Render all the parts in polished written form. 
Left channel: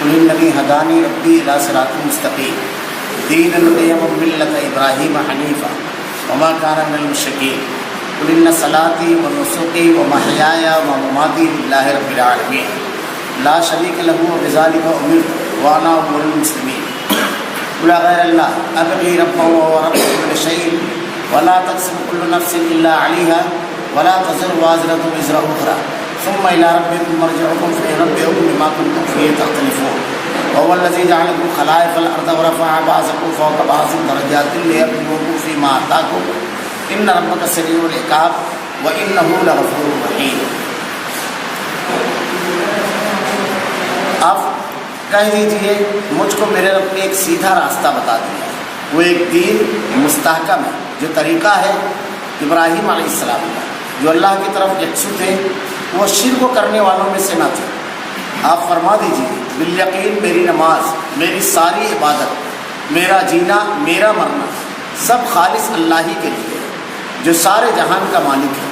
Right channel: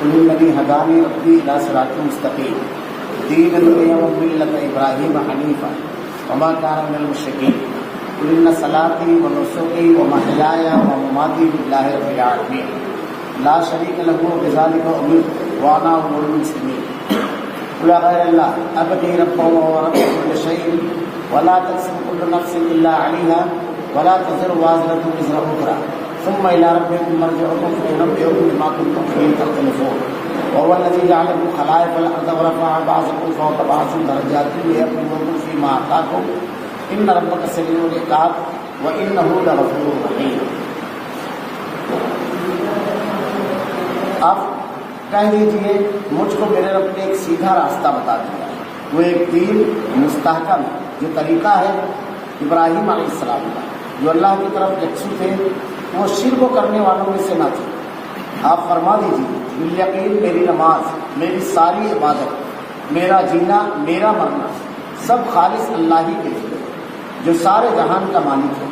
قل اننی ہدانی ربی الی صراط مستقیم دینا قیما ملۃ ابراہیم حنیفا وما کان من المشرکین قل ان صلاتی و نسکی و محیای و مماتی للہ رب العالمین لا شریک لہ وبذلک امرت وانا اول المسلمین قل غیر اللہ ابغی ربا ورب کل شیء ولا تکسب کل نفس الا علیہا ولا تزر وازرۃ وزر اخری ثم الى ربکم مرجعکم فینبئکم بما کنتم فیہ تختلفون وهو الذی جعلکم خلائف الارض ورفع بعضکم فوق بعض درجات لیبلوکم فیما آتاکم ان ربک سریع العقاب وانہ لغفور رحیم۔ آپ کہہ دیجئے مجھ کو میرے رب نے ایک سیدھا راستہ بتا دیا ہے، وہ ایک دین مستحکم ہے، جو طریقہ ہے ابراہیم علیہ السلام کا، جو اللہ کی طرف یکسو تھے، وہ شرک کرنے والوں میں سے نہ تھے۔ آپ فرما دیجئے بالیقین میری نماز، میری ساری عبادت، میرا جینا، میرا مرنا سب خالص اللہ ہی کے لیے ہے، جو سارے جہان کا مالک ہے،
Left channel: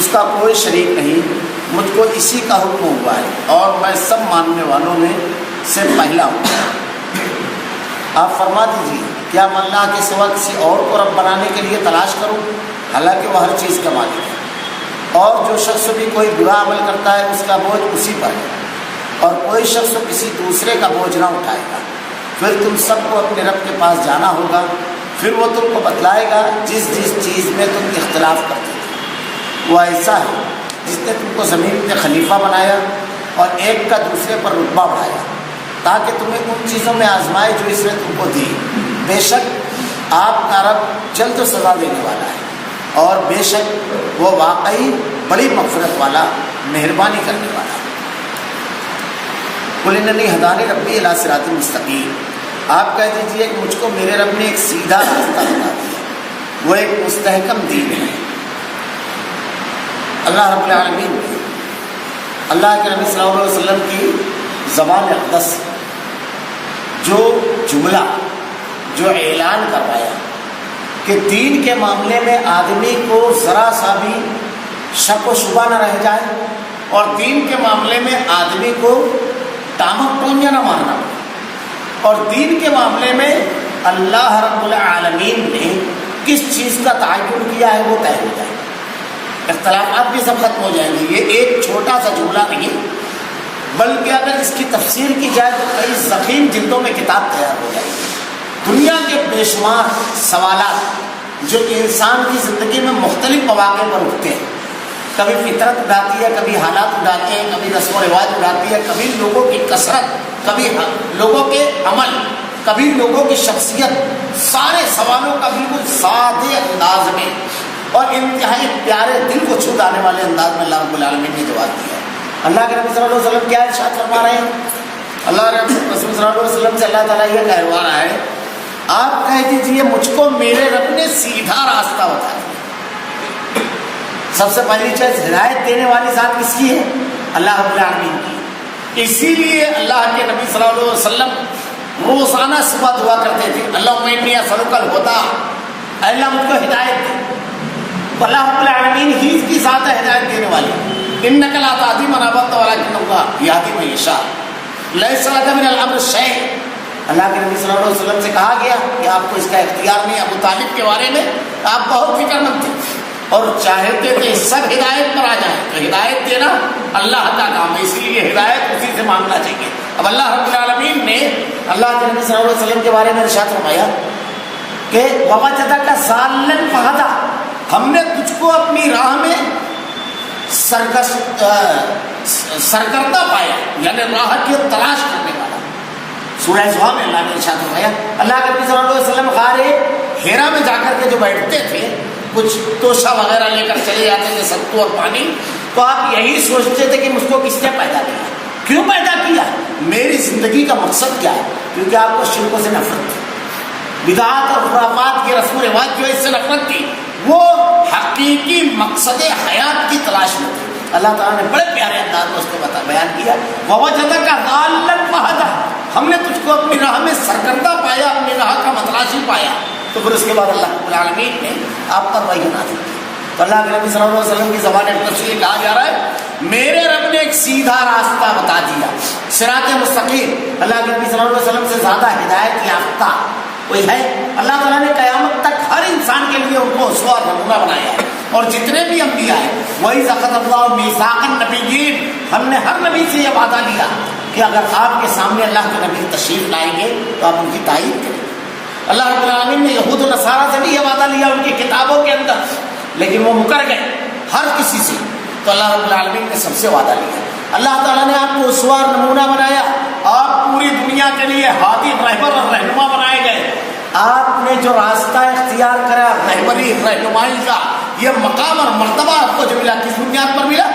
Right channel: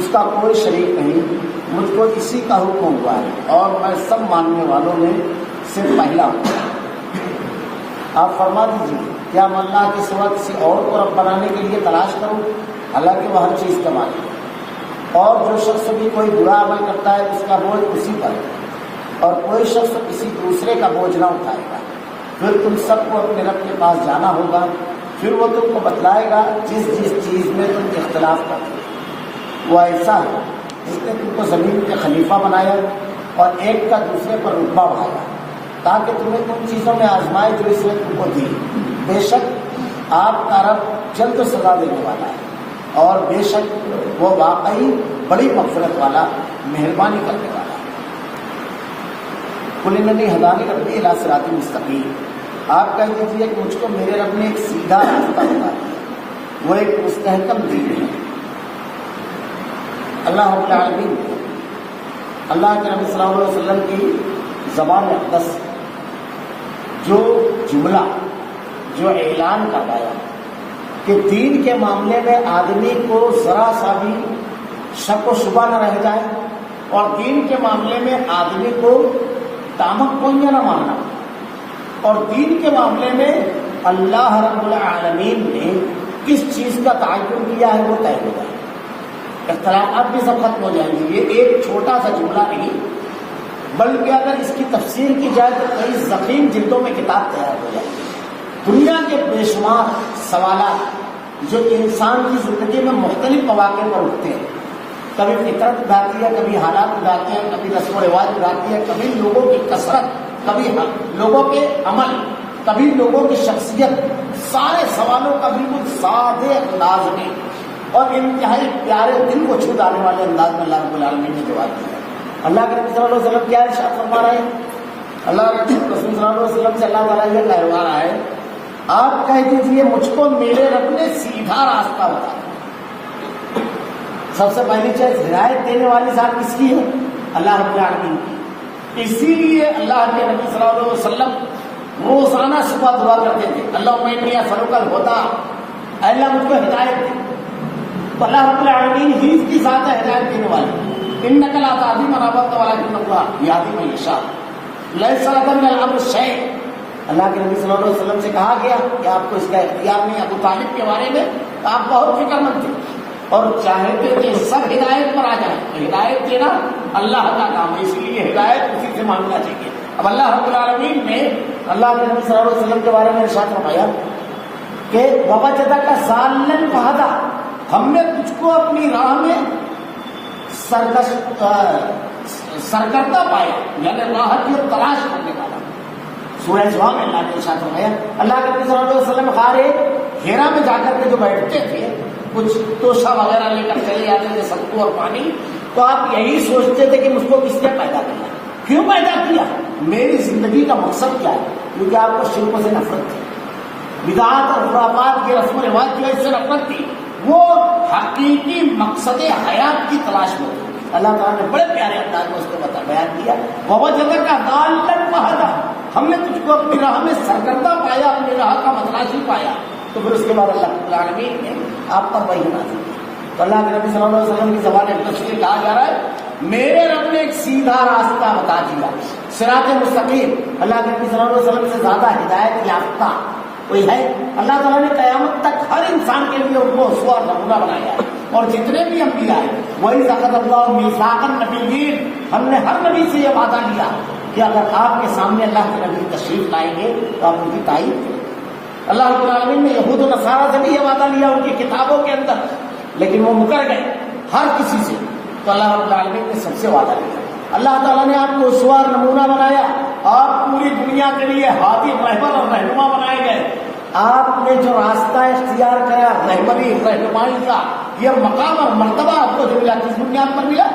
اس کا کوئی شریک نہیں، مجھ کو اسی کا حکم ہوا ہے اور میں سب ماننے والوں میں سے پہلا ہوں۔ آپ فرما دیجئے کیا میں اللہ کے سوا کسی اور کو رب بنانے کے لیے تلاش کروں، حالانکہ وہ ہر چیز کا مالک ہے، اور جو شخص بھی کوئی برا عمل کرتا ہے اس کا بوجھ اسی پر ہے، اور کوئی شخص کسی دوسرے کا بوجھ نہ اٹھائے گا۔ پھر تم سب کو اپنے رب کے پاس جانا ہوگا، پھر وہ تم کو بتلائے گا جس جس چیز میں تم اختلاف کرتے تھے۔ وہ ایسا ہے جس نے تم کو زمین پہ خلیفہ بنایا اور ایک کا دوسرے پر رتبہ بڑھایا، تاکہ تمہیں ان چیزوں میں آزمائے جو اس نے تم کو دی۔ بے شک آپ کا رب جلد و سزا دینے والا ہے، اور بے شک وہ واقعی بڑی مغفرت والا، مہربانی کرنے والا ہے۔ قل اننی ہدانی ربی الی صراط مستقیم، آپ کہہ دیجئے کہ مجھ کو میرے رب نے ایک سیدھا راستہ بتا دیا، وہ ایک مستحکم دین ہے۔ اللہ رب العالمین نے اللہ کے نبی صلی اللہ علیہ وسلم کی زبان اقدس جو جملہ، جو اعلان کروایا کہ دین کے معاملے میں آدمی کو ذرا سا بھی شک و شبہ نہ رہ جائے، اور دین کے معاملے میں آدمی کو ٹامک پونجا نہ مارنا پڑے، اور دین کے معاملے میں اللہ رب العالمین نے کس چیز کا تعین کیا ہے وہ طے ہو جائے، اختلافات بھی سب ختم ہو جائیں گے۔ یہ ایک چھوٹا سا جملہ نہیں، بلکہ اگر اس کی تفسیر کی جائے تو کئی ضخیم جلدوں میں کتاب تیار ہو جائے گی۔ دنیا کے بے شمار سوالات جو انسان کی زندگی میں مختلف مواقع پر اٹھتے ہیں، کبھی فطرت اٹھاتی ہے، کبھی حالات اٹھاتے ہیں، کبھی رسم و رواج اٹھاتی ہے، کبھی لوگوں کی کثرت، کبھی لوگوں کے عمل، کبھی لوگوں کی شخصیت، سارے سوالوں کا بالکل سادے انداز میں اور انتہائی پیارے دل کو چھو جانے والے انداز میں اللہ رب العالمین نے جواب دیا ہے۔ اللہ کے نبی صلی اللہ علیہ وسلم کیا ارشاد فرما رہے ہیں؟ اللہ کے رسول صلی اللہ علیہ وسلم سے اللہ تعالیٰ یہ کہلوا رہا ہے، آپ کہہ دیجئے مجھ کو میرے رب نے سیدھا راستہ بتا دیا۔ سب سے پہلی چیز، ہدایت دینے والی ذات کس کی ہے؟ اللہ رب العالمین کی۔ اسی لیے اللہ کے نبی صلی اللہ علیہ وسلم روزانہ صبح دعا کرتے تھے، اللہم انی اسألک الہدی، اے اللہ مجھ کو ہدایت دے۔ اللہ رب العالمین ہی کی ذات ہے ہدایت دینے والی۔ انک لا تہدی من احببت ولکن اللہ یہدی من یشاء لیس لک من الامر شیء۔ اللہ کے نبی صلی اللہ علیہ وسلم سے کہا گیا کہ آپ کو اس کا اختیار نہیں۔ ابو طالب کے بارے میں آپ بہت فکر مند تھے اور چاہتے تھے سب ہدایت پر آ جائیں، تو ہدایت دینا اللہ کا کام ہے، اس لیے ہدایت اسی سے مانگنا چاہیے۔ اب اللہ رب العالمین نے اللہ کے نبی صلی اللہ علیہ وسلم کے بارے میں ارشاد فرمایا کہ ووجدک ضالا فہدی، ہم نے تجھ کو اپنی راہ میں سرگردہ پایا، یعنی راہ کی تلاش کرنے والا۔ سورہ زحا میں اللہ نے ارشاد فرمایا، اللہ کے نبی صلی اللہ علیہ وسلم غار ہیرا میں جا کر کے جو بیٹھتے تھے، کچھ توشہ وغیرہ لے کر چلے جاتے تھے، ستو اور پانی، تو آپ یہی سوچتے تھے کہ مجھ کو کس نے پیدا کیا، کیوں پیدا کیا، میری زندگی کا مقصد کیا ہے، کیونکہ آپ کو شرکوں سے نفرت تھی، بدعات اور خرافات کی رسم و رواج جو اس سے نفرت تھی، وہ حقیقی مقصد حیات کی تلاش میں تھی۔ اللہ تعالیٰ نے بڑے پیارے انداز میں اس کو بیان کیا، ووجدک ضالا فہدی، ہم نے تجھ کو اپنی راہ میں سرگردہ پایا، اپنی راہ کا متلاشی پایا۔ تو پھر اس کے بعد اللہ رب العالمین نے آپ پر وحی نازل کی، تو اللہ کے نبی صلی اللہ علیہ وسلم کی زبان اقدس سے یہ کہا جا رہا ہے میرے رب نے ایک سیدھا راستہ بتا دیا، صراط مستقیم۔ اللہ کے نبی صلی اللہ علیہ وسلم سے زیادہ ہدایت یافتہ کوئی ہے؟ اللہ تعالیٰ نے قیامت تک ہر انسان کے لیے ان کو اسوہ اور نمونہ بنایا ہے، اور جتنے بھی انبیاء ہیں وہی ذکر اللہ میثاق النبیین، ہم نے ہر نبی سے یہ وعدہ لیا کہ اگر آپ کے سامنے اللہ کے نبی تشریف لائیں گے تو آپ ان کی تائید کریں گے۔ اللہ رب العالمین نے یہود و نصارہ سے بھی یہ وعدہ لیا ان کی کتابوں کے اندر، لیکن وہ مکر گئے ہر کسی سے، تو اللہ رب العالمین نے سب سے وعدہ لیا۔ اللہ تعالیٰ نے آپ کو اسوہ اور نمونہ بنایا، آپ پوری دنیا کے لیے ہادی رہبر اور رہنما بنائے گئے۔ آپ نے جو راستہ اختیار کرا رہبری رہنمائی کا، یہ مقام اور مرتبہ آپ کو جو ملا کس بنیاد پر ملا؟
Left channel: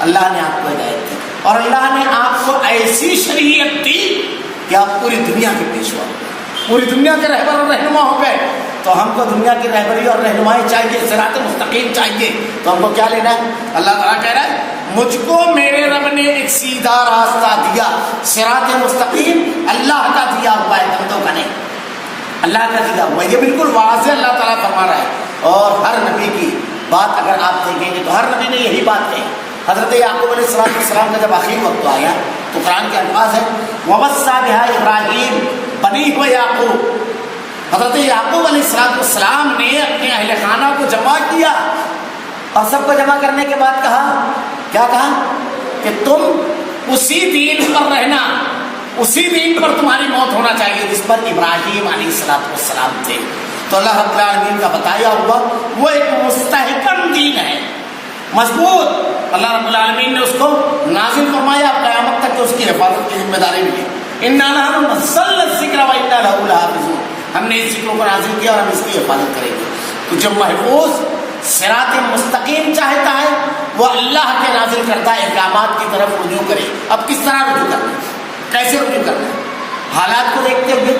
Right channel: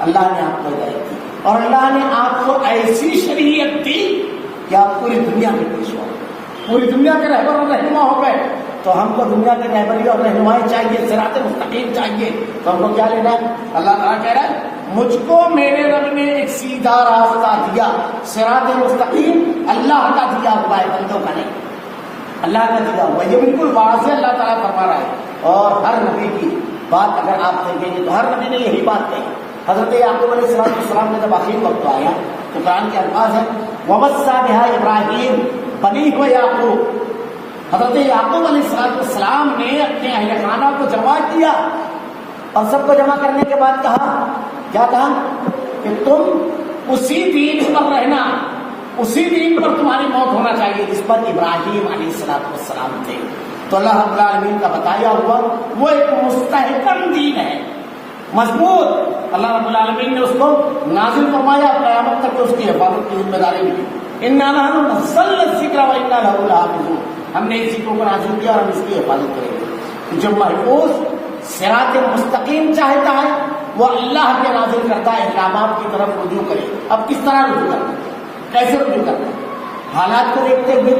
اللہ نے آپ کو ہدایت دی، اور اللہ نے آپ کو ایسی شریعت دی کہ آپ پوری دنیا کے پیشوا ہو گئے، پوری دنیا کے رہبر اور رہنما ہو گئے۔ تو ہم کو دنیا کی رہبری اور رہنمائی چاہیے، صراط مستقیم چاہیے، تو ہم کو کیا لینا ہے؟ اللہ تعالیٰ کہہ رہا ہے مجھ کو میرے رب نے ایک سیدھا راستہ دیا، صراط مستقیم اللہ کا دیا ہوا ہے، بندوں کا نہیں، اللہ کا دیا ہوا ہے۔ یہ بالکل واضح اللہ تعالیٰ فرما رہا ہے، اور ہر نبی کی بات اگر آپ دیکھیں گے تو ہر نبی نے یہی بات کہی۔ حضرت یعقوب علیہ السلام کا جب آخری وقت آیا تو قرآن کے الفاظ ہیں وَوَصَّىٰ بِهَا ابراہیم بنیہ وَیعقوب، حضرت یعقوب علیہ السلام نے اپنے اہل خانہ کو جمع کیا، اور سب کو جمع کرنے کے بعد کہا، کیا کہا؟ کہ تم اسی دین پر رہنا، اسی دین پر تمہاری موت ہونا چاہیے جس پر ابراہیم علیہ السلام تھے۔ تو اللہ رب العالمین کا بتایا ہوا وہ ایک مستحکم دین ہے، مضبوط۔ اللہ رب العالمین نے اس کو نازل فرمایا، قیامت تک اس کی حفاظت کی ذمہ داری ملی۔ اِنَّا نَحْنُ نَزَّلْنَا الذِّكْرَ وَإِنَّا لَهُ لَحَافِظُونَ، ہم نے اس ذکر کو نازل کیا اور ہم اس کی حفاظت کریں گے۔ تو جو محفوظ صراط مستقیم چاہتا ہے وہ اللہ کے نازل کرتا احکامات کی طرف رجوع کرے۔ اب کس طرح رجوع کرنا ہے؟ کیسے رجوع کرنا ہے؟ حالات کو دیکھتے ہوئے،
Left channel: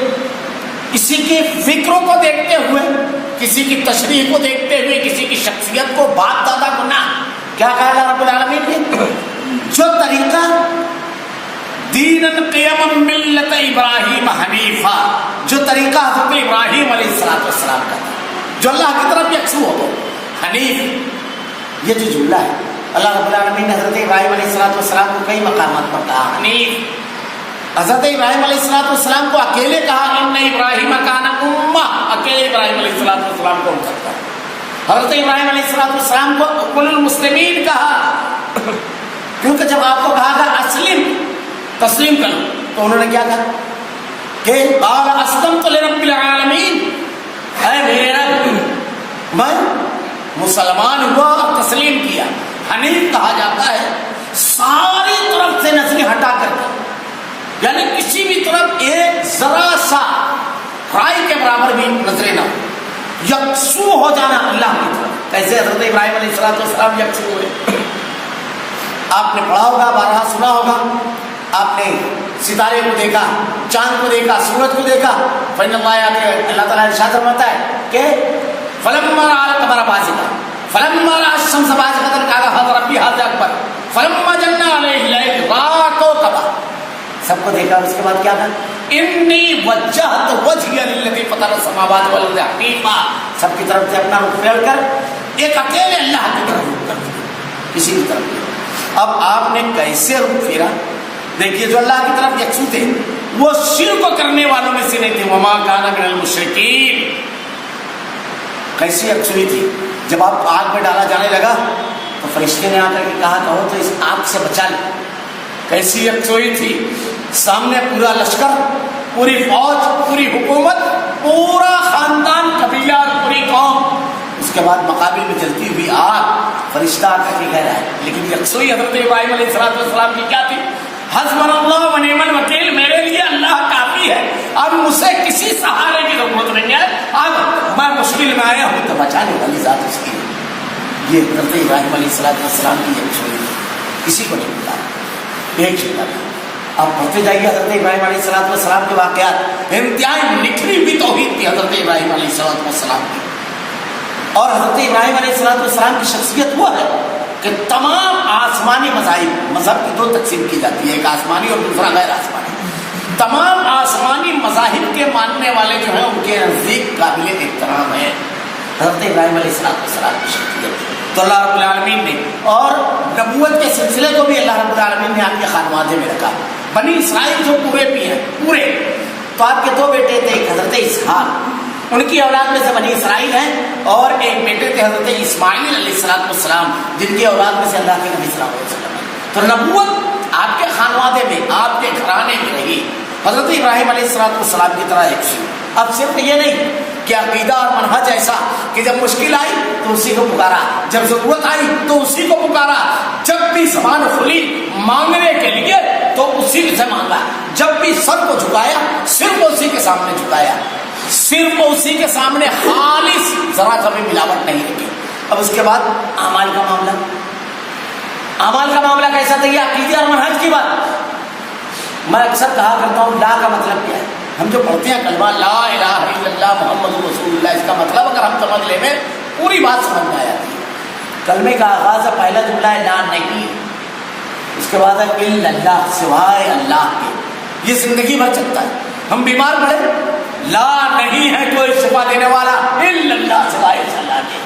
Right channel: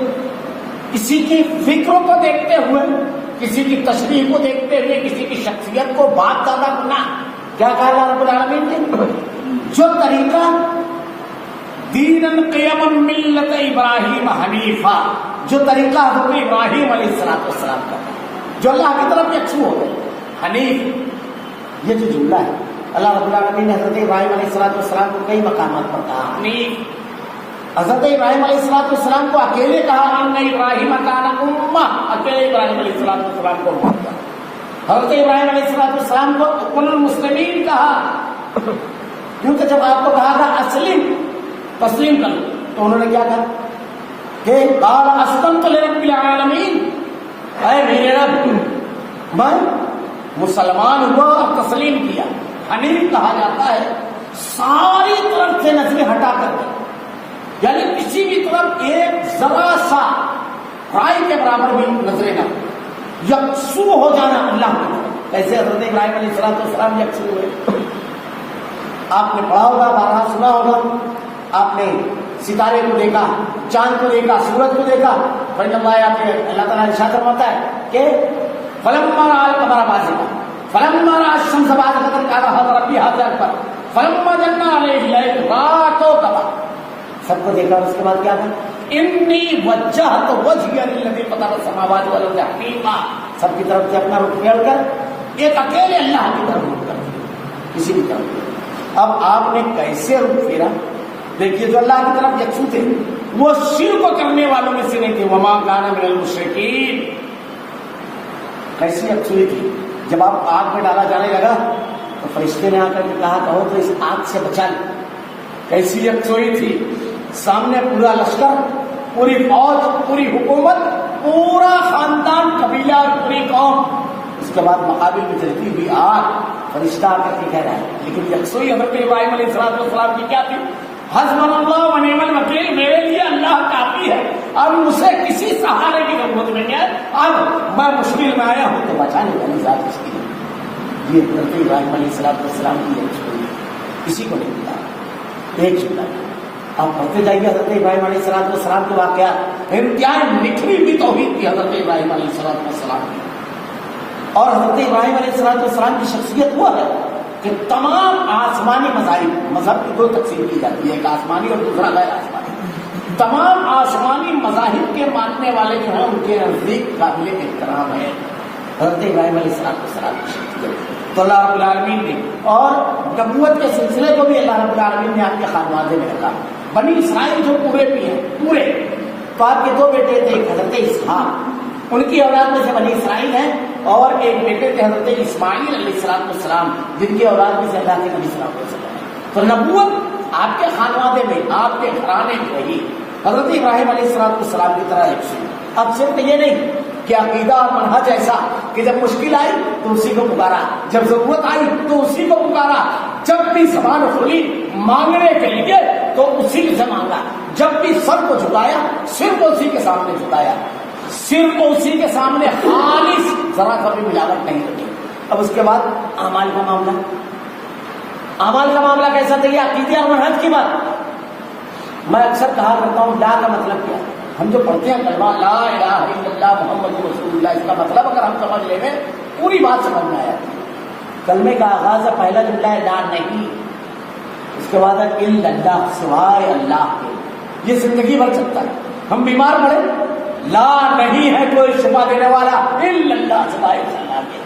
کسی کی فکروں کو دیکھتے ہوئے، کسی کی تشریح کو دیکھتے ہوئے، کسی کی شخصیت کو، باپ دادا کو نہ۔ کیا کہا اللہ رب العالمین نے؟ جو طریقہ دیناً قیما ملت ابراہیم حنیفہ، جو طریقہ حضرت ابراہیم علیہ السلام کا تھا، جو اللہ کی طرف یکسو ہو گئے، حنیف، یہ جو جملہ ہے اللہ رب العالمین نے حضرت ابراہیم علیہ السلام کو کئی مقامات پر کہا حنیف۔ حضرت ابراہیم علیہ السلام کو اکیلے کہا ان ابراہیم کان امہ، اکیلے ابراہیم علیہ السلام کو امت کہا۔ حضرت ابراہیم علیہ السلام کو کل المسلمین کہا، کیونکہ جب آپ کو کہا تھا اسلم، تسلیم کرو، تو انہوں نے کیا کہا کہ قال اسلمت لرب العالمین، اے میرے رب میں مسلمان ہوا اور تسلیم کیا۔ حنیف کہا جاتا ہے ساری طرف سے نظریں ہٹا کر کے، یعنی کسی بھی طرف ایک ذرا سا رائے کے برابر بھی نظریں نہ ہو، یکسو ہو جانا اللہ کی طرف۔ کیسے حضرت ابراہیم علیہ السلام یکسو ہوئے؟ آپ نے پڑھا ہوگا، بارہا سنا ہوگا، آپ نے ستارے کو دیکھا، چاند کو دیکھا، سورج کو دیکھا، اللہ تعالیٰ ارشاد فرماتا ہے کہ فلما رأى القمر بازغا فلما رأى الشمس بازغة قال هذا ربي هذا اکبر فلما جن علیہ اللیل رأى کوكبا، سب کو دیکھا، اس کے بعد کیا کہا انی وجہت وجہی للذی فطر السماوات والارض حنیفا، سب کی طرف سے اپنا رخ پھیر کر ایک اکیلے اللہ کی طرف رخ کر دیا، کسی کی طرف نہیں۔ اب آپ نے کیسے رخ پھیرا؟ دیکھیے جو اللہ کی طرف یکسو تھے وہ شرک کرنے والوں میں سے نہیں تھے، وما کان من المشرکین۔ کیسی یکسوئی تھی؟ جب آپ آگ میں ڈالا جانے لگا تو فرشتے نے آ کر کے کہا کہو تو اس آگ سے بچا لے۔ کیسی یکسوئی تھی؟ سامنے پورا لشکر، پوری فوج، پوری حکومت، پورا خاندان، قبیلہ اور پوری قوم، اس کے بعد مقابل میں جلتی ہوئی آگ، فرشتہ آ کر کے کہہ رہا ہے۔ لیکن یکسوئی حضرت ابراہیم علیہ السلام کی کیا تھی؟ حسبنا اللہ و نعم الوکیل، میرے لیے اللہ کافی ہے، اب مجھے کسی سہارے کی ضرورت نہیں ہے، اب میں مشکل میں آیا ہوں تو بچانے والی ذات اس کی ہے۔ یہ حضرت ابراہیم علیہ السلام کی یکسوئی ہے، کسی کو نہیں بتایا، ایک جملہ تھا۔ آپ پڑھتے جائیے حضرت ابراہیم علیہ السلام کے واقعات، انتہائی نکھری ہوئی توحید تھی حضرت ابراہیم علیہ السلام کی۔ اور حضرت ابراہیم علیہ السلام کی شخصیت وہ ہے کہ تمام آسمانی مذہب کی دو تقسیم کی جاتی ہے، ایک آسمانی اور دوسرا غیر آسمانی۔ تمام آسمانی مذاہب کے ماننے والے جو ہیں ان کے نزدیک قابل احترام ہے، حضرت ابراہیم علیہ السلام کی شخصیت تو اللہ رب العالمین نے، اور نبوت کے سلسلے کو بھی اللہ رب العالمین نے آپ کے خانوادے میں رکھا. بنی اسرائیل جو پورے بھی ہیں پورے، تو آپ کے 2 بیٹے تھے، ایک حضرت اسحاق، ان کی اولاد میں سے بنی اسرائیل ہیں، اور ایک بیٹے تھے حضرت اسماعیل علیہ السلام، جن کی اولاد میں سے اللہ کے نبی صلی اللہ علیہ وسلم. تو نبوت آپ کے خانوادے میں، آپ کے گھرانے میں رہی. حضرت ابراہیم علیہ السلام کی طرح ایک سی. اب صرف یہ نہیں کہ عقیدہ اور منہج ایسا کہ جب مشکل آئی تو اسی کو پکارا، جب ضرورت آئی تو اسی کو پکارا، جب بھی زبان کھلی مانگنے کے لیے تو اسی سے مانگا، جب بھی سر کو جھکایا صرف اسی کے سامنے جھکایا، صرف اسی کے سامنے خالص، ذرا کبھی ملاوٹ نہیں رکھی. اب اس کے بعد اعمال کا معاملہ، اعمال کا معاملہ کیسا تھا؟ یہ عقیدے اور منہج کی بات. میں اکثر کہا کرتا ہوں لا کا مطلب کیا ہے. ہم جو پڑھتے ہیں کلمہ لا الہ الا اللہ محمد رسول اللہ، اس کا مطلب اگر ہم سمجھ لیں میں پوری بات سمجھ میں آ جاتی ہے. کلمے کا آغاز ہے، پہلا جملہ ہے لا نہیں، اس کے بعد ہے الا اللہ، سوائے اللہ کے. یہ زندگی بھر چلتا ہے. ہم بیمار پڑے، لا نہیں ہے کوئی شفا دینے والا الا اللہ، سوائے اللہ کے.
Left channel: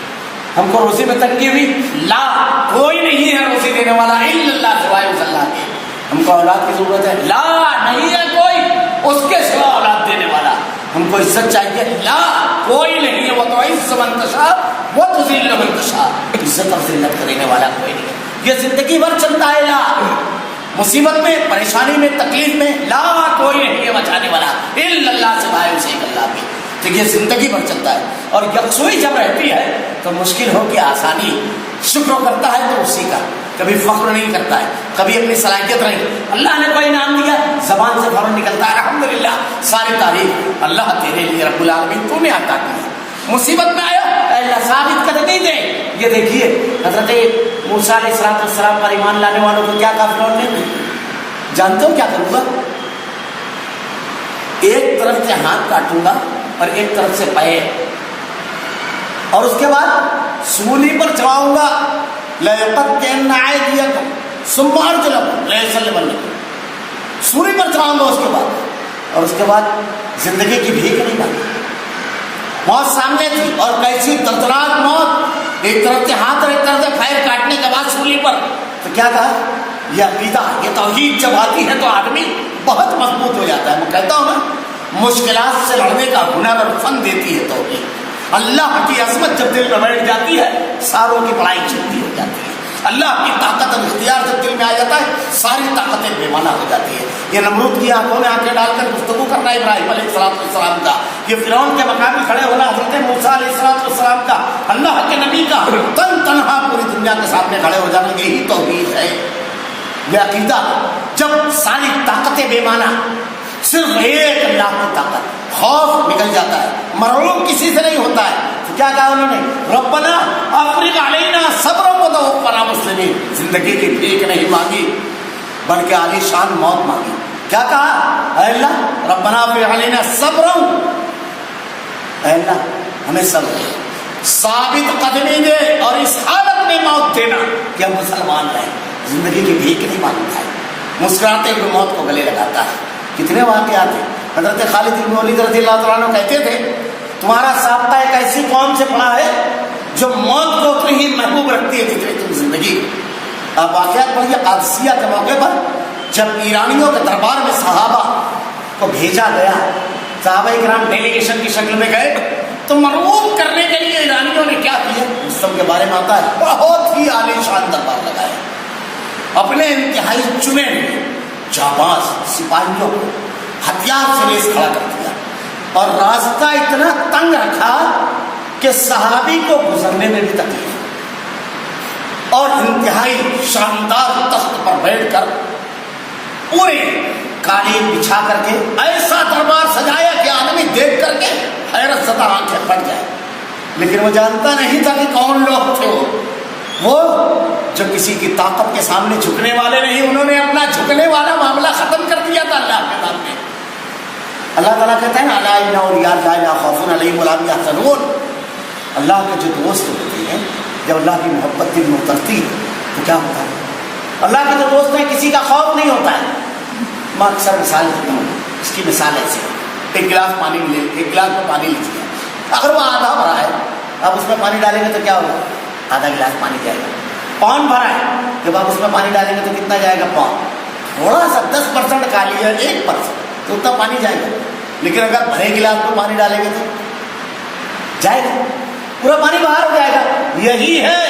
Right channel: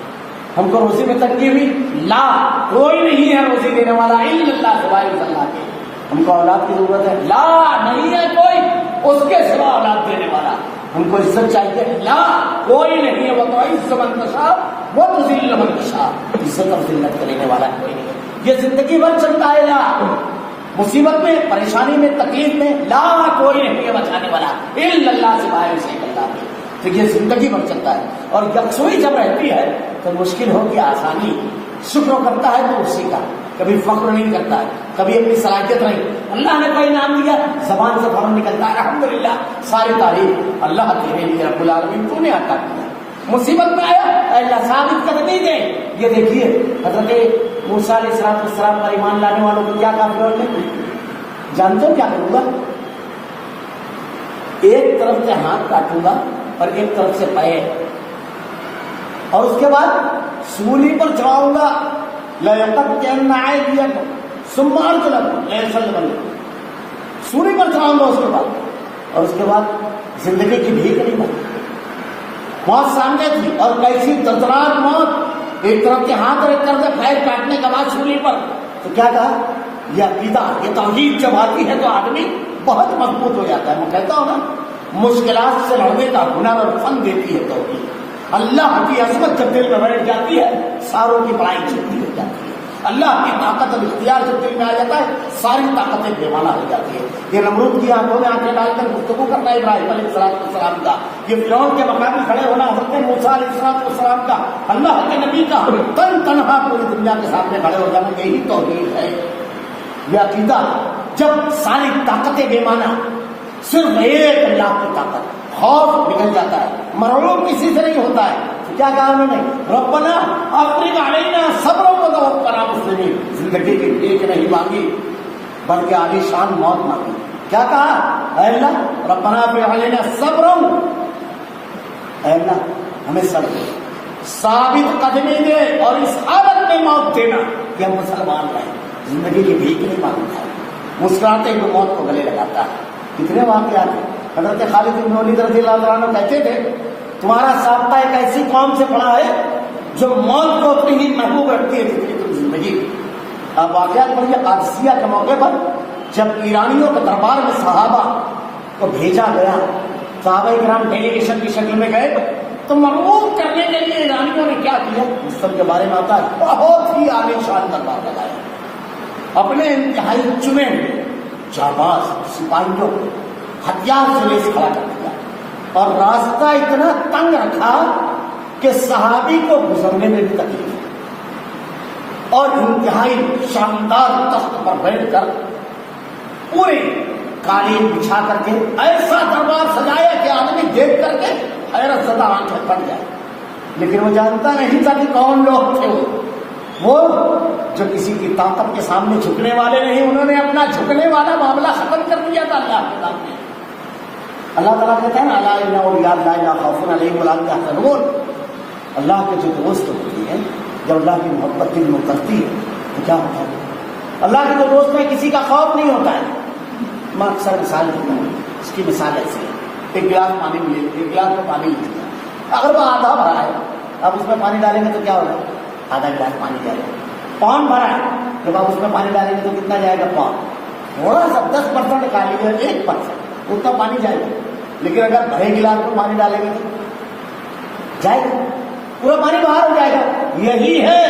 ہم کو روزی میں تنگی ہوئی، لا کوئی نہیں ہے روزی دینے والا الا اللہ، سوائے اللہ کے. ہم کو اولاد کی ضرورت ہے، لا نہیں ہے کوئی اس کے سوا اولاد دینے والا. ہم کو عزت چاہیے، لا کوئی نہیں ہے، وہ تو عز من تشاء وہ تذل من تشاء، عزت اور ذلت کرنے والا کوئی نہیں ہے. یہ زندگی بھر چلتا ہے لا. مصیبت میں، پریشانی میں، تکلیف میں، لا کوئی نہیں ہے بچانے والا الا اللہ، سوائے اسے ایک اللہ کے. تو یہ زندگی بھر چلتا ہے. اور یکسوئی جب رہتی ہے تو مشکل ہو کہ آسانی، شکر کرتا ہے تو اسی کا، کبھی فخر نہیں کرتا ہے، کبھی اپنی صلاحیت نہیں. اللہ نے کوئی نام دیا زبان سے فوراً نکلتا ہے الحمدللہ، ساری تعریف اللہ تیرے لیے رب العالمین، تو نے عطا کیا. مصیبت میں آیا اے اللہ ثابت قدمی دے. یہ دیکھیے حضرت موسیٰ علیہ السلام پر ایمان لانے والوں کو کیا کہا فرعون نے؟ جانتے ہو کیا کروں گا؟ ایک طرف سے ہاتھ کاٹوں گا اور ایک طرف سے پیر، اور اس کے بعد سولی پر چڑھاؤں گا، لَيَقَطَّعَنَّ أَيْدِيَكُمْ ثُمَّ أَرْجُلَكُمْ لَيُصَلِّبَنَّكُمْ. سولی پر چڑھاؤں گا اس کے بعد، اور اس کے بعد زندگی کی بھیک نہیں مانگی. موت سامنے تھی، اور کیسی دردناک موت، ایک طرف سے ہاتھ اور ایک طرف سے پیر کاٹنے کے بعد سولی پر. تو کیا کہا؟ یہ عقیدہ، یہ توحید جب آتی ہے تو آدمی بہت مضبوط ہو جاتا ہے. میں کہتا ہوں نا، مشکلات سے لڑنے کا ہنر اور فن دیتی ہے توحید. اللہ کی عظمت جب دل میں بیٹھ جاتی ہے ساروں کی پڑھائی چھوٹی ہو جاتی ہے. اللہ کی طاقت اور اختیار جب دل میں آ جاتا ہے ساری طاقتیں بے معنی ہو جاتی ہے. یہ نمرود کی آنکھوں میں آنکھیں ڈال کر گفتگو کرنا ابراہیم علیہ السلام کا، یہ فرعون کے مقابل کھڑے ہونا حضرت موسیٰ علیہ السلام کا، اللہ کے نبی کا تنہا پوری دنیا کے سامنے کھڑے ہو جانا، یہی توحید ہے. یہ عقیدہ جب ساری طاقتیں بے معنی، صرف ایک اللہ کی طاقت، خوف نکل جاتا ہے، مرعوب کسی سے نہیں ہوتا ہے. تو کیا کہا انہوں نے؟ ربنا افرغ علینا صبرا وتوفنا مسلمین. زندگی کی بھیک نہیں مانگی بلکہ عالی شان موت مانگی. کیا کہا؟ اے اللہ ربنا افرغ علینا صبرا، اے اللہ ہمیں صبر، ثابت قدمی دے، اور اس حالت میں موت دینا کہ ہم مسلمان رہیں. زندگی کی بھیک نہیں مانگتا ہے، مسکراتے ہوئے موت کو گلے لگاتا ہے. کتنے واقعات ہیں. حضرت خالد بن ولید رضی اللہ تعالیٰ عنہ کہتے تھے تمہارا سابقہ ایک ایسی قوم سے پڑا ہے جو موت کو اتنی ہی محبوب رکھتی ہے جتنی تم زندگی. اب واقعات پڑھیے قادسیہ کے موقع پر جب ایرانیوں کے دربار میں صحابہ کو بھیجا گیا، صحابہ کرام ڈیلیگیشن کی شکل میں گئے، تو مرعوب کرنے کے لیے ایرانیوں نے کیا کیا؟ مسلم کے بارے میں آتا ہے بہت ہی عالی شان دربار لگائے، اپنے انتہائی چنے ہوئے جانباز سپاہیوں کو ہتھیار سے لیس کھڑا کر دیا، اور راستہ اتنا تنگ رکھا کہ صحابی کو گزرنے میں بھی تکلیف، اور انتہائی شاندار تخت پر بیٹھ کر پورے قالین بچھا کر کے ایسا دربار سجایا کہ آدمی دیکھ کر کے حیرت زدہ آنکھیں پھٹ جائے. لیکن وہ جانتا نہیں تھا کہ کون لوگ تھے. وہ جو کسی کی طاقت کے سامنے جھکنے والے نہیں، انہوں نے اپنا جھکنے والا معاملہ ختم کر دیا تھا اللہ کے سامنے. اللہ تعالیٰ کہتا ہے نا الا ان اولیاء اللہ لا خوف علیہم ولا هم یحزنون. اللہ کے جو دوست ہوتے ہیں جب اللہ کی محبت دل میں اترتی ہے تو کیا ہوتا ہے؟ اللہ کے جو دوست ہیں کسی کا خوف نہیں ہوتا ہے. میں اکثر مثال دیتا ہوں، اس کی مثال ایسی ہے، ایک گلاس میں پانی لیجیے، اگر وہ آدھا بھرا ہے اب اس میں پانی ڈالیں گے تو کیا ہوگا؟ آدھا گلاس پانی جائے گا. پون بھرا ہے، جب آپ اس میں پانی ڈالیں گے تو کتنا جائے گا؟ پون. تھوڑا سا 10% خالی ہے، 1% تو اتنا پانی جائے گا. لیکن اگر بھرے گلاس میں پانی ڈالیں گے تو جائے گا، پورا پانی باہر ہو جائے گا. یہی ہے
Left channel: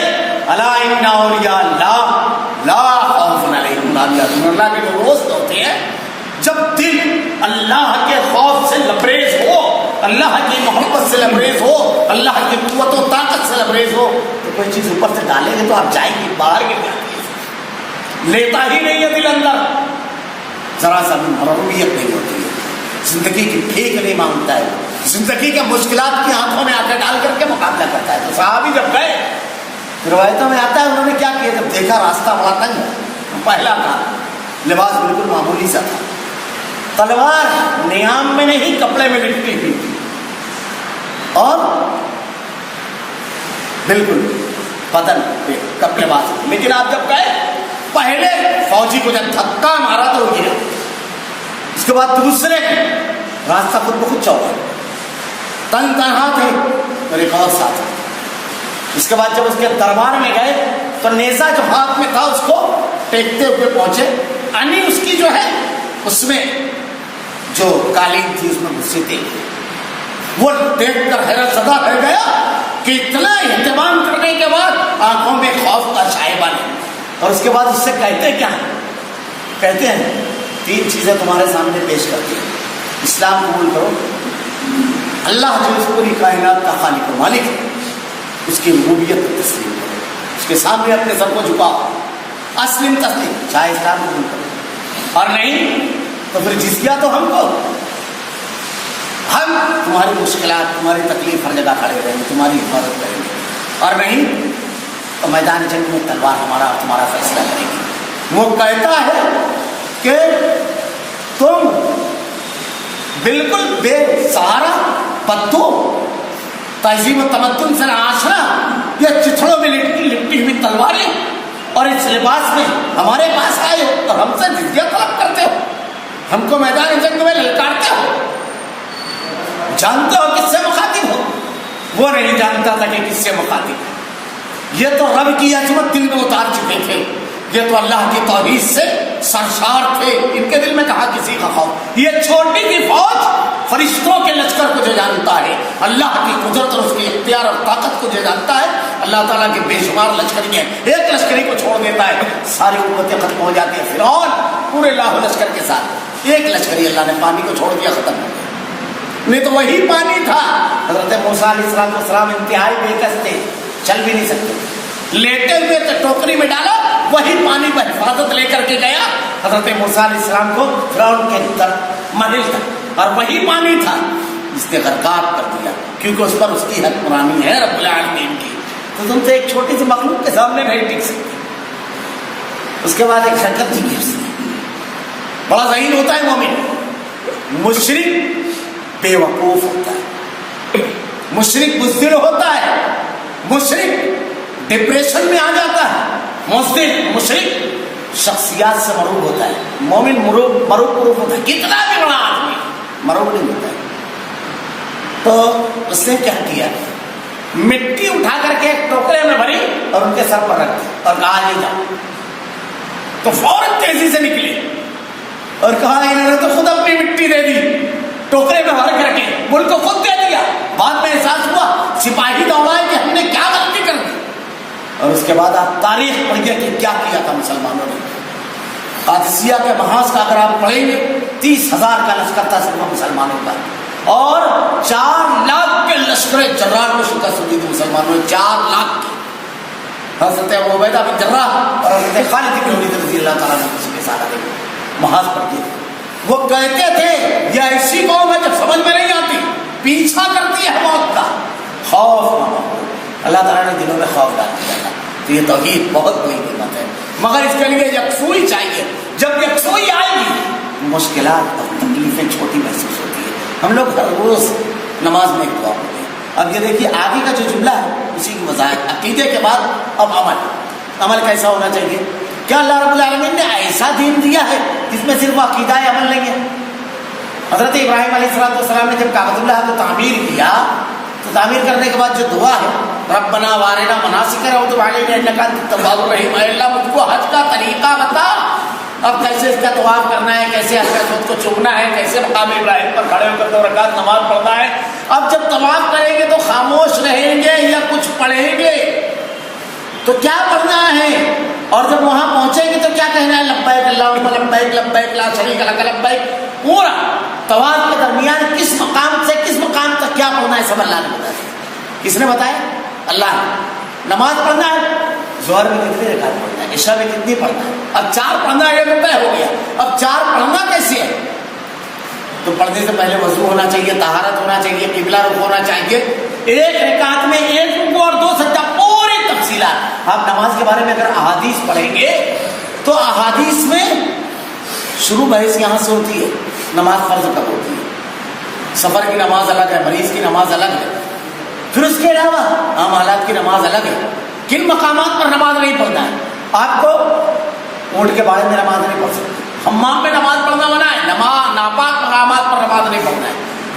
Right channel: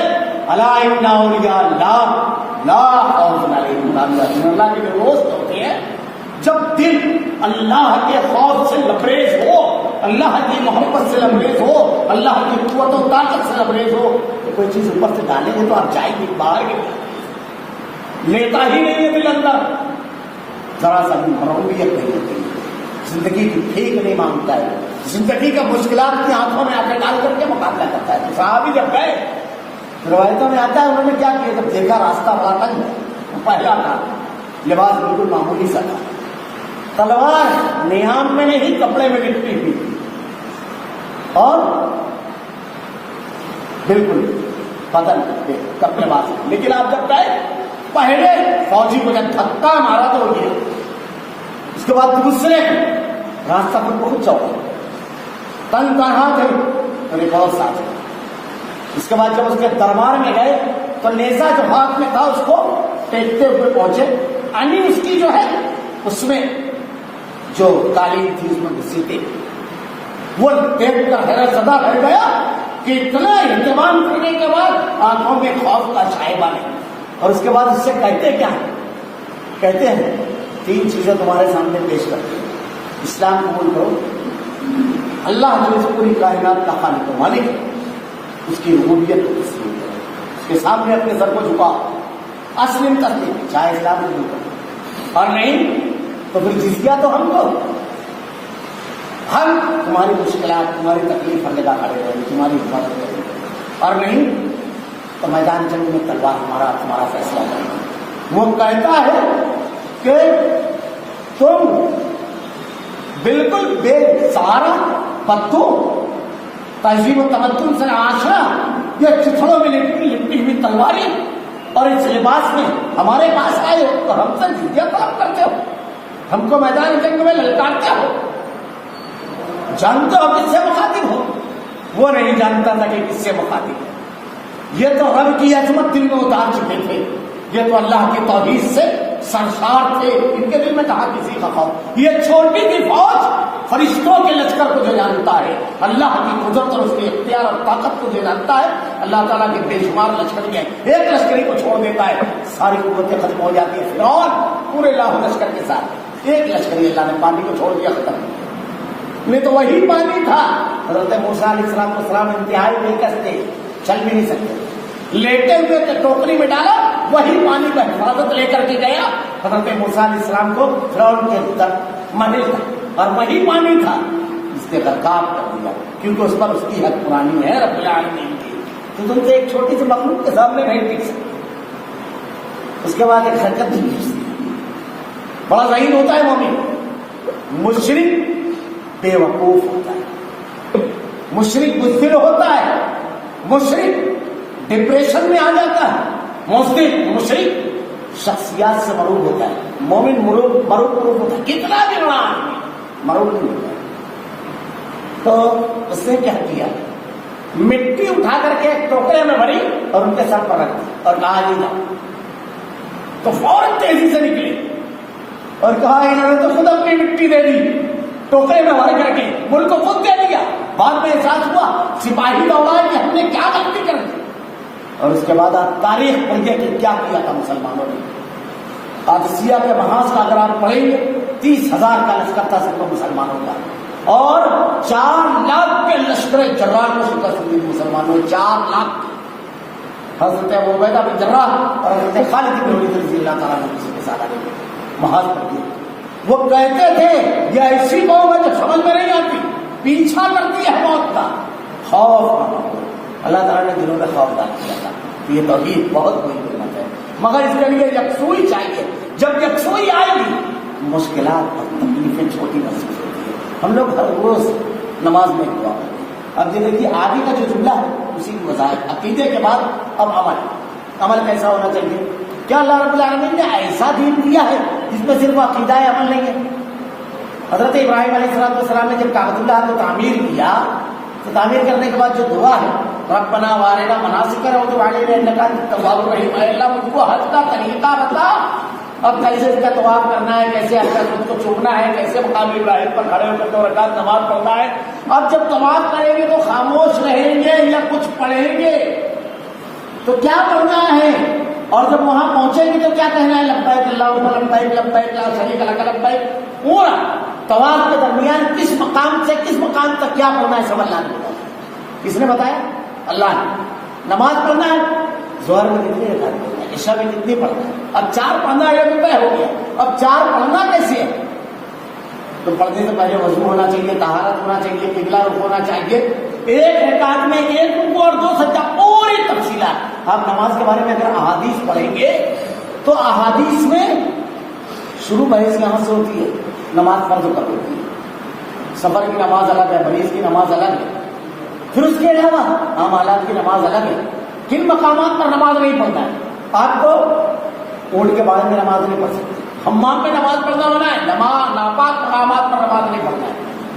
الا ان اولیاء اللہ لا خوف علیہم ولا هم يحزنون. اللہ کے جو دوست ہوتے ہیں جب دل اللہ کے خوف سے لبریز ہو، اللہ کی محبت سے لبریز ہو، اللہ کی قوت و طاقت سے لبریز ہو، تو کوئی چیز اوپر سے ڈالیں گے تو آپ جائیں گے، باہر گر جاتی ہے، لیتا ہی نہیں ہے دل اندر، ذرا سا بھی مرغوبیت نہیں ہوتی ہے، زندگی کی ٹھیک نہیں مانگتا ہے، زندگی کے مشکلات کی ہاتھوں میں آتے ڈال کر کے مقابلہ کرتا ہے. تو صحابی جب گئے، روایتوں میں آتا ہے انہوں نے کیا کیا، جب دیکھا راستہ بڑا تنگ ہے، پہلا کام لباس بالکل معمولی سا تھا، تلوار نیام میں نہیں کپڑے میں لپٹی ہوئی تھی، اور بالکل بدن پہ کپڑے باز. لیکن آپ جب گئے، پہلے فوجی کو جب دھکا مارا تو وہ گرا، اس کے بعد دوسرے راستہ خود بخود چوکا، تن تنہا تھے اور ایک اور ساتھ. اس کے بعد جب اس کے دربار میں گئے تو نیزہ جو ہاتھ میں تھا اس کو ٹیکتے ہوئے پہنچے، یعنی اس کی جو ہے اس میں جو قالین تھی اس میں گھسی تھی، وہ دیکھ کر حیرت زدہ رہ گیا کہ اتنا اہتمام کرنے کے بعد آنکھوں میں خوف کا شائبہ نہیں. اور اس کے بعد اس سے کہتے کیا ہیں؟ کہتے ہیں 3 چیزیں تمہارے سامنے پیش کرتی ہیں. اسلام قبول کرو، اللہ جو اس پوری کائنات کا خالق و مالک ہے اس کی ربوبیت کو تسلیم کرو، اس کے سامنے اپنے سر کو جھکاؤ، اسلم تسلیم، چاہے اسلام قبول کرو، اور نہیں تو پھر جزیہ تو ہم کو، ہم تمہاری مشکلات، تمہاری تکلیف ہر جگہ کھڑے رہیں گے، تمہاری حفاظت کریں گے، اور نہیں تو میدان جنگ میں تلوار ہمارا اور تمہارا فیصلہ کریں گے. وہ کہتا ہے کہ تم بالکل بے سہارا بدو تہذیب و تمدن سے ناشنا، یہ چتھڑوں میں لپٹی ہوئی تلواریں، اور اس لباس میں ہمارے پاس آئے ہو اور ہم سے جزیہ طلب کرتے ہو، ہم کو میدان جنگ میں للکارتے ہو. جانتے ہو کس سے مخاطب ہو؟ وہ نہیں جانتا تھا کہ کس سے مخاطب ہے. یہ تو رب کی عظمت دل میں اتار چکے تھے، یہ تو اللہ کی توحید سے سرشار تھے، ان کے دل میں کہاں کسی کا خوف. یہ چھوٹی سی فوج فرشتوں کے لشکر کو جو جانتا ہے، اللہ کی قدرت اور اس کے اختیار اور طاقت کو جو جانتا ہے، اللہ تعالیٰ کے بے شمار لشکری ہیں، ایک لشکری کو چھوڑ دیتا ہے ساری قوتیں ختم ہو جاتی ہیں. فرعون پورے لاہو لشکر کے ساتھ، ایک لشکری اللہ نے پانی کو چھوڑ دیا، ختم ہو گیا. نہیں تو وہی پانی تھا. حضرت موسیٰ علیہ السلام انتہائی بےکس تھے، چل بھی نہیں سکتے، لیٹے ہوئے تھے، ٹوکری میں ڈالا، وہی پانی پر حفاظت لے کر کے گیا حضرت موسیٰ علیہ السلام کو فرعون کے منزل تک، اور وہی پانی تھا جس نے غرقاب کر دیا، کیونکہ اس پر اس کی حکمرانی ہے رب العالمین کی. تو تم سے ایک چھوٹی سی مخلوق کے سامنے نہیں ٹک سکتے. اس کے بعد ایک حرکت دی اس نے، بڑا ذہین ہوتا ہے مومن. مشرک بے وقوف ہوتا ہے، مشرک بزدل ہوتا ہے، مشرک ڈپریشن میں آ جاتا ہے، مشرک شخصیات سے مروب ہوتا ہے. مومن مروب ہوتا ہے، کتنا بھی بڑا آدمی مروب نہیں ہوتا ہے. تو اس نے کیا کیا، مٹی اٹھا کر کے ایک ٹوکرے میں بھری اور ان کے سر پر رکھ دی اور کہا یہ جاؤ. تو فوراً تیزی سے نکلے اور کہا انہوں نے تو خود اپنی مٹی دے دی، ٹوکرے میں بھر کر کے ملک کو خود دے دیا. بعد میں احساس ہوا، سپاہی دوڑائے کہ ہم نے کیا غلطی کر دی. اور اس کے بعد آپ تاریخ پڑھیے کہ کیا کیا تھا مسلمانوں نے. قادسیہ کے محاذ کا اگر آپ پڑھیں گے 30,000 کا لشکر تھا صرف مسلمانوں کا، اور 4 لاکھ کے لشکر جرار کو شکست دی تھی مسلمانوں نے، 4 لاکھ کی. حضرت ابو عبیدہ بن جراح اور حضرت خالد بن ولید رضی اللہ تعالیٰ عنہ اس کے ساتھ آگے محاذ پر گئے. وہ کہتے تھے یہ ایسی قوم ہے جو سمجھ میں نہیں آتی، پیچھا کرتی ہے موت کا، خوف نہ ہو. اللہ تعالیٰ نے دلوں میں خوف ڈال دیا تھا. تو یہ توحید بہت بڑی نعمت ہے، مگر اس کے لیے یکسوئی چاہیے. جب یکسوئی آئے گی مشکلات اور تکلیفیں چھوٹی محسوس ہوتی ہے. ہم لوگ ہر روز نماز میں ایک دعا پڑھتے ہیں. اب یہ دیکھیے آگے کا جو جملہ ہے اسی کی وضاحت. عقیدے کے بعد اب عمل کیسا ہونا چاہیے. کیا اللہ رب العالمین نے ایسا دین دیا ہے جس میں صرف عقیدہ عمل نہیں ہے. حضرت ابراہیم علیہ السلام نے جب کعبۃ اللہ کو تعمیر کیا تو تعمیر کرنے کے بعد جو دعا ہے ربنا وارنا مناسکنا وتب علینا انک انت التواب الرحیم، اے اللہ مجھ کو حج کا طریقہ بتا، اب کیسے اس کا طواف کرنا ہے، کیسے حجر اسود کو چومنا ہے، کیسے مقام ابراہیم پر کھڑے ہو کر 2 رکعت نماز پڑھنا ہے۔ اب جب طواف کریں گے تو خاموش رہیں گے یا کچھ پڑھیں گے؟ تو کیا پڑھنا ہے؟ اور جب وہاں پہنچیں گے تو کیا کہنا ہے؟ لبیک اللہم لبیک لبیک لا شریک لک لبیک۔ پورا طواف کے درمیان کس مقام سے کس مقام تک کیا پڑھنا ہے سب اللہ نے بتایا۔ کس نے بتایا؟ اللہ نے۔ نماز پڑھنا ہے، ظہر میں کتنی رکعت پڑھنا ہے، عشاء میں کتنی پڑھنا ہے، اب 4 پڑھنا ہے، یہ تو طے ہو گیا۔ اب 4 پڑھنا کیسے ہے؟ تو پڑھنے سے پہلے وضو ہونا چاہیے، طہارت ہونا چاہیے، قبلہ رخ ہونا چاہیے، 1 رکعت میں 1 رکوع اور 2 سجدہ، پوری تفصیلات۔ آپ نماز کے بارے میں اگر احادیث پڑھیں گے تو احادیث میں شروع بحث یہاں سے ہوتی ہے، نماز فرض کب ہوتی ہے، سفر کی نماز الگ ہے، مریض کی نماز الگ ہے، پھر اس کے علاوہ عام حالات کی نماز الگ ہے، کن مقامات پر نماز نہیں پڑھنا ہے۔ آپ کو اونٹ کے بارے میں نماز نہیں پڑھ سکتے، حمام میں نماز پڑھنا منع ہے، ناپاک مقامات پر نماز نہیں پڑھنا ہے،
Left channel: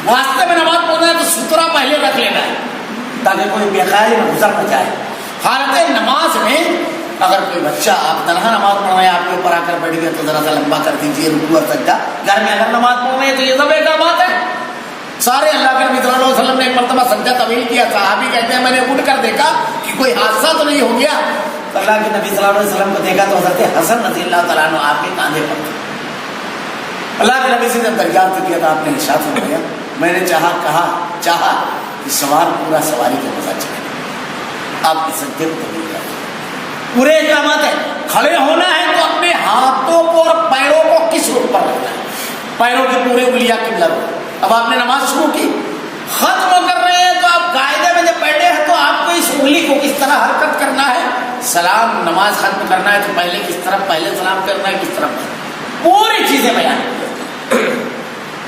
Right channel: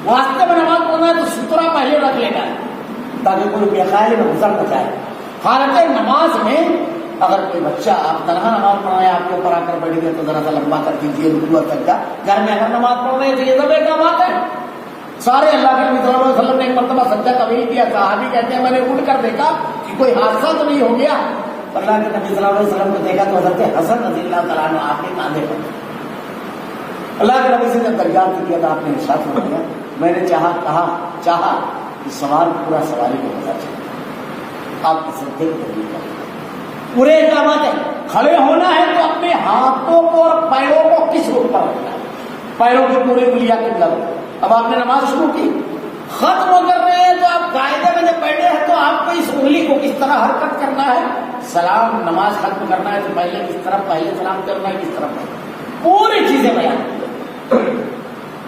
راستے میں نماز پڑھنا ہے تو سترہ پہلے رکھ لینا ہے تاکہ کوئی بے خیالی میں گزر نہ جائے۔ حالت نماز میں اگر کوئی بچہ آپ تنہا نماز پڑھ رہے ہیں، آپ کے اوپر آ کر بیٹھ گیا تو ذرا سا لمبا کر دیجیے رکوع اور سجدہ۔ گھر میں اگر نماز پڑھ رہے ہیں تو یہ سب ایک بات ہے۔ سارے اللہ کے نبی صلی اللہ علیہ وسلم نے ایک مرتبہ سجدہ طویل کیا، صحابی کہتے ہیں میں نے اٹھ کر دیکھا کہ کوئی حادثہ تو نہیں ہو گیا، اللہ کے نبی صلی اللہ علیہ وسلم کو دیکھا تو حضرت حسن رضی اللہ تعالیٰ عنہ آپ کے کاندھے پر تھے۔ اللہ کے نبی سے جب دریافت کیا تو آپ نے ارشاد فرمایا میں نے چاہا کہ سوار پورا سواری کا مزہ چلے، آپ اس سجدے کو طویل کر دیں۔ پورے احکامات ہے، کھڑے ہونا ہے تو اپنے ہاتھوں کو اور پیروں کو کس رخ پر رکھنا ہے، پیروں کی پورے انگلیاں قبلہ رخ۔ اب آپ نے نماز شروع کی، ختم کر رہے ہیں تو آپ قاعدے میں جب بیٹھے ہیں تو آپ کو اس انگلی کو کس طرح حرکت کرنا ہے، سلام نماز ختم کرنا ہے تو پہلے کس طرف پہلے سلام کرنا ہے، کس طرف پوری چیزیں بیان کی۔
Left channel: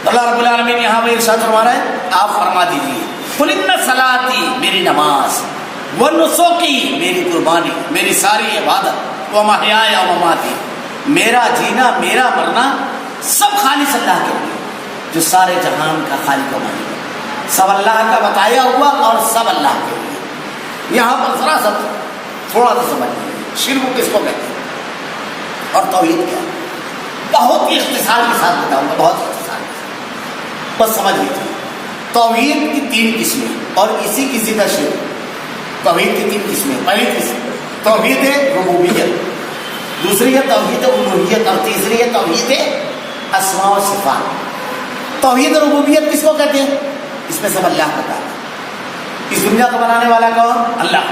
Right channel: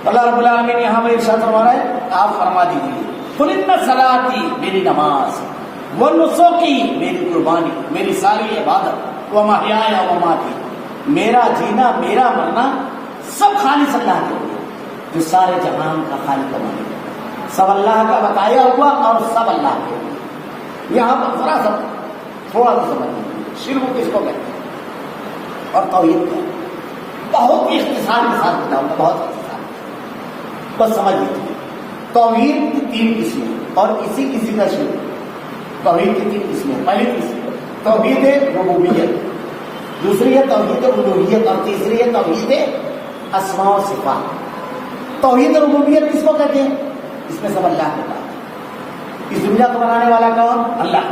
اللہ رب العالمین یہاں میں ارشاد فرما رہا ہے آپ فرما دیجیے قل ان صلاتی میری نماز، ونسکی میری قربانی، میری ساری عبادت، ومحیایا ومماتی میرا جینا میرا مرنا سب خالص اللہ کے لیے جو سارے جہان کا خالق و مالک ہے، سب اللہ کا بتایا ہوا اور سب اللہ کے لیے۔ یہاں پر ذرا سا تھوڑا سا سمجھ لیجیے شرک کس کو کہتے ہیں اور توحید کیا ہے، بہت ہی اختصار کے ساتھ بتاؤں گا، بہت اختصار کے ساتھ بس سمجھ لیجیے۔ توحید کی 3 قسمیں اور اسی کی ضد شرک۔ توحید کی 3 قسمیں، پہلی قسم توحید ربوبیت، دوسری ہے توحید الوہیت اور تیسری ہے توحید اسماء و صفات۔ توحید ربوبیت کس کو کہتے ہیں؟ اس میں سب اللہ کا کام ہے۔ اس دنیا کو بنانے والا کون؟ اللہ۔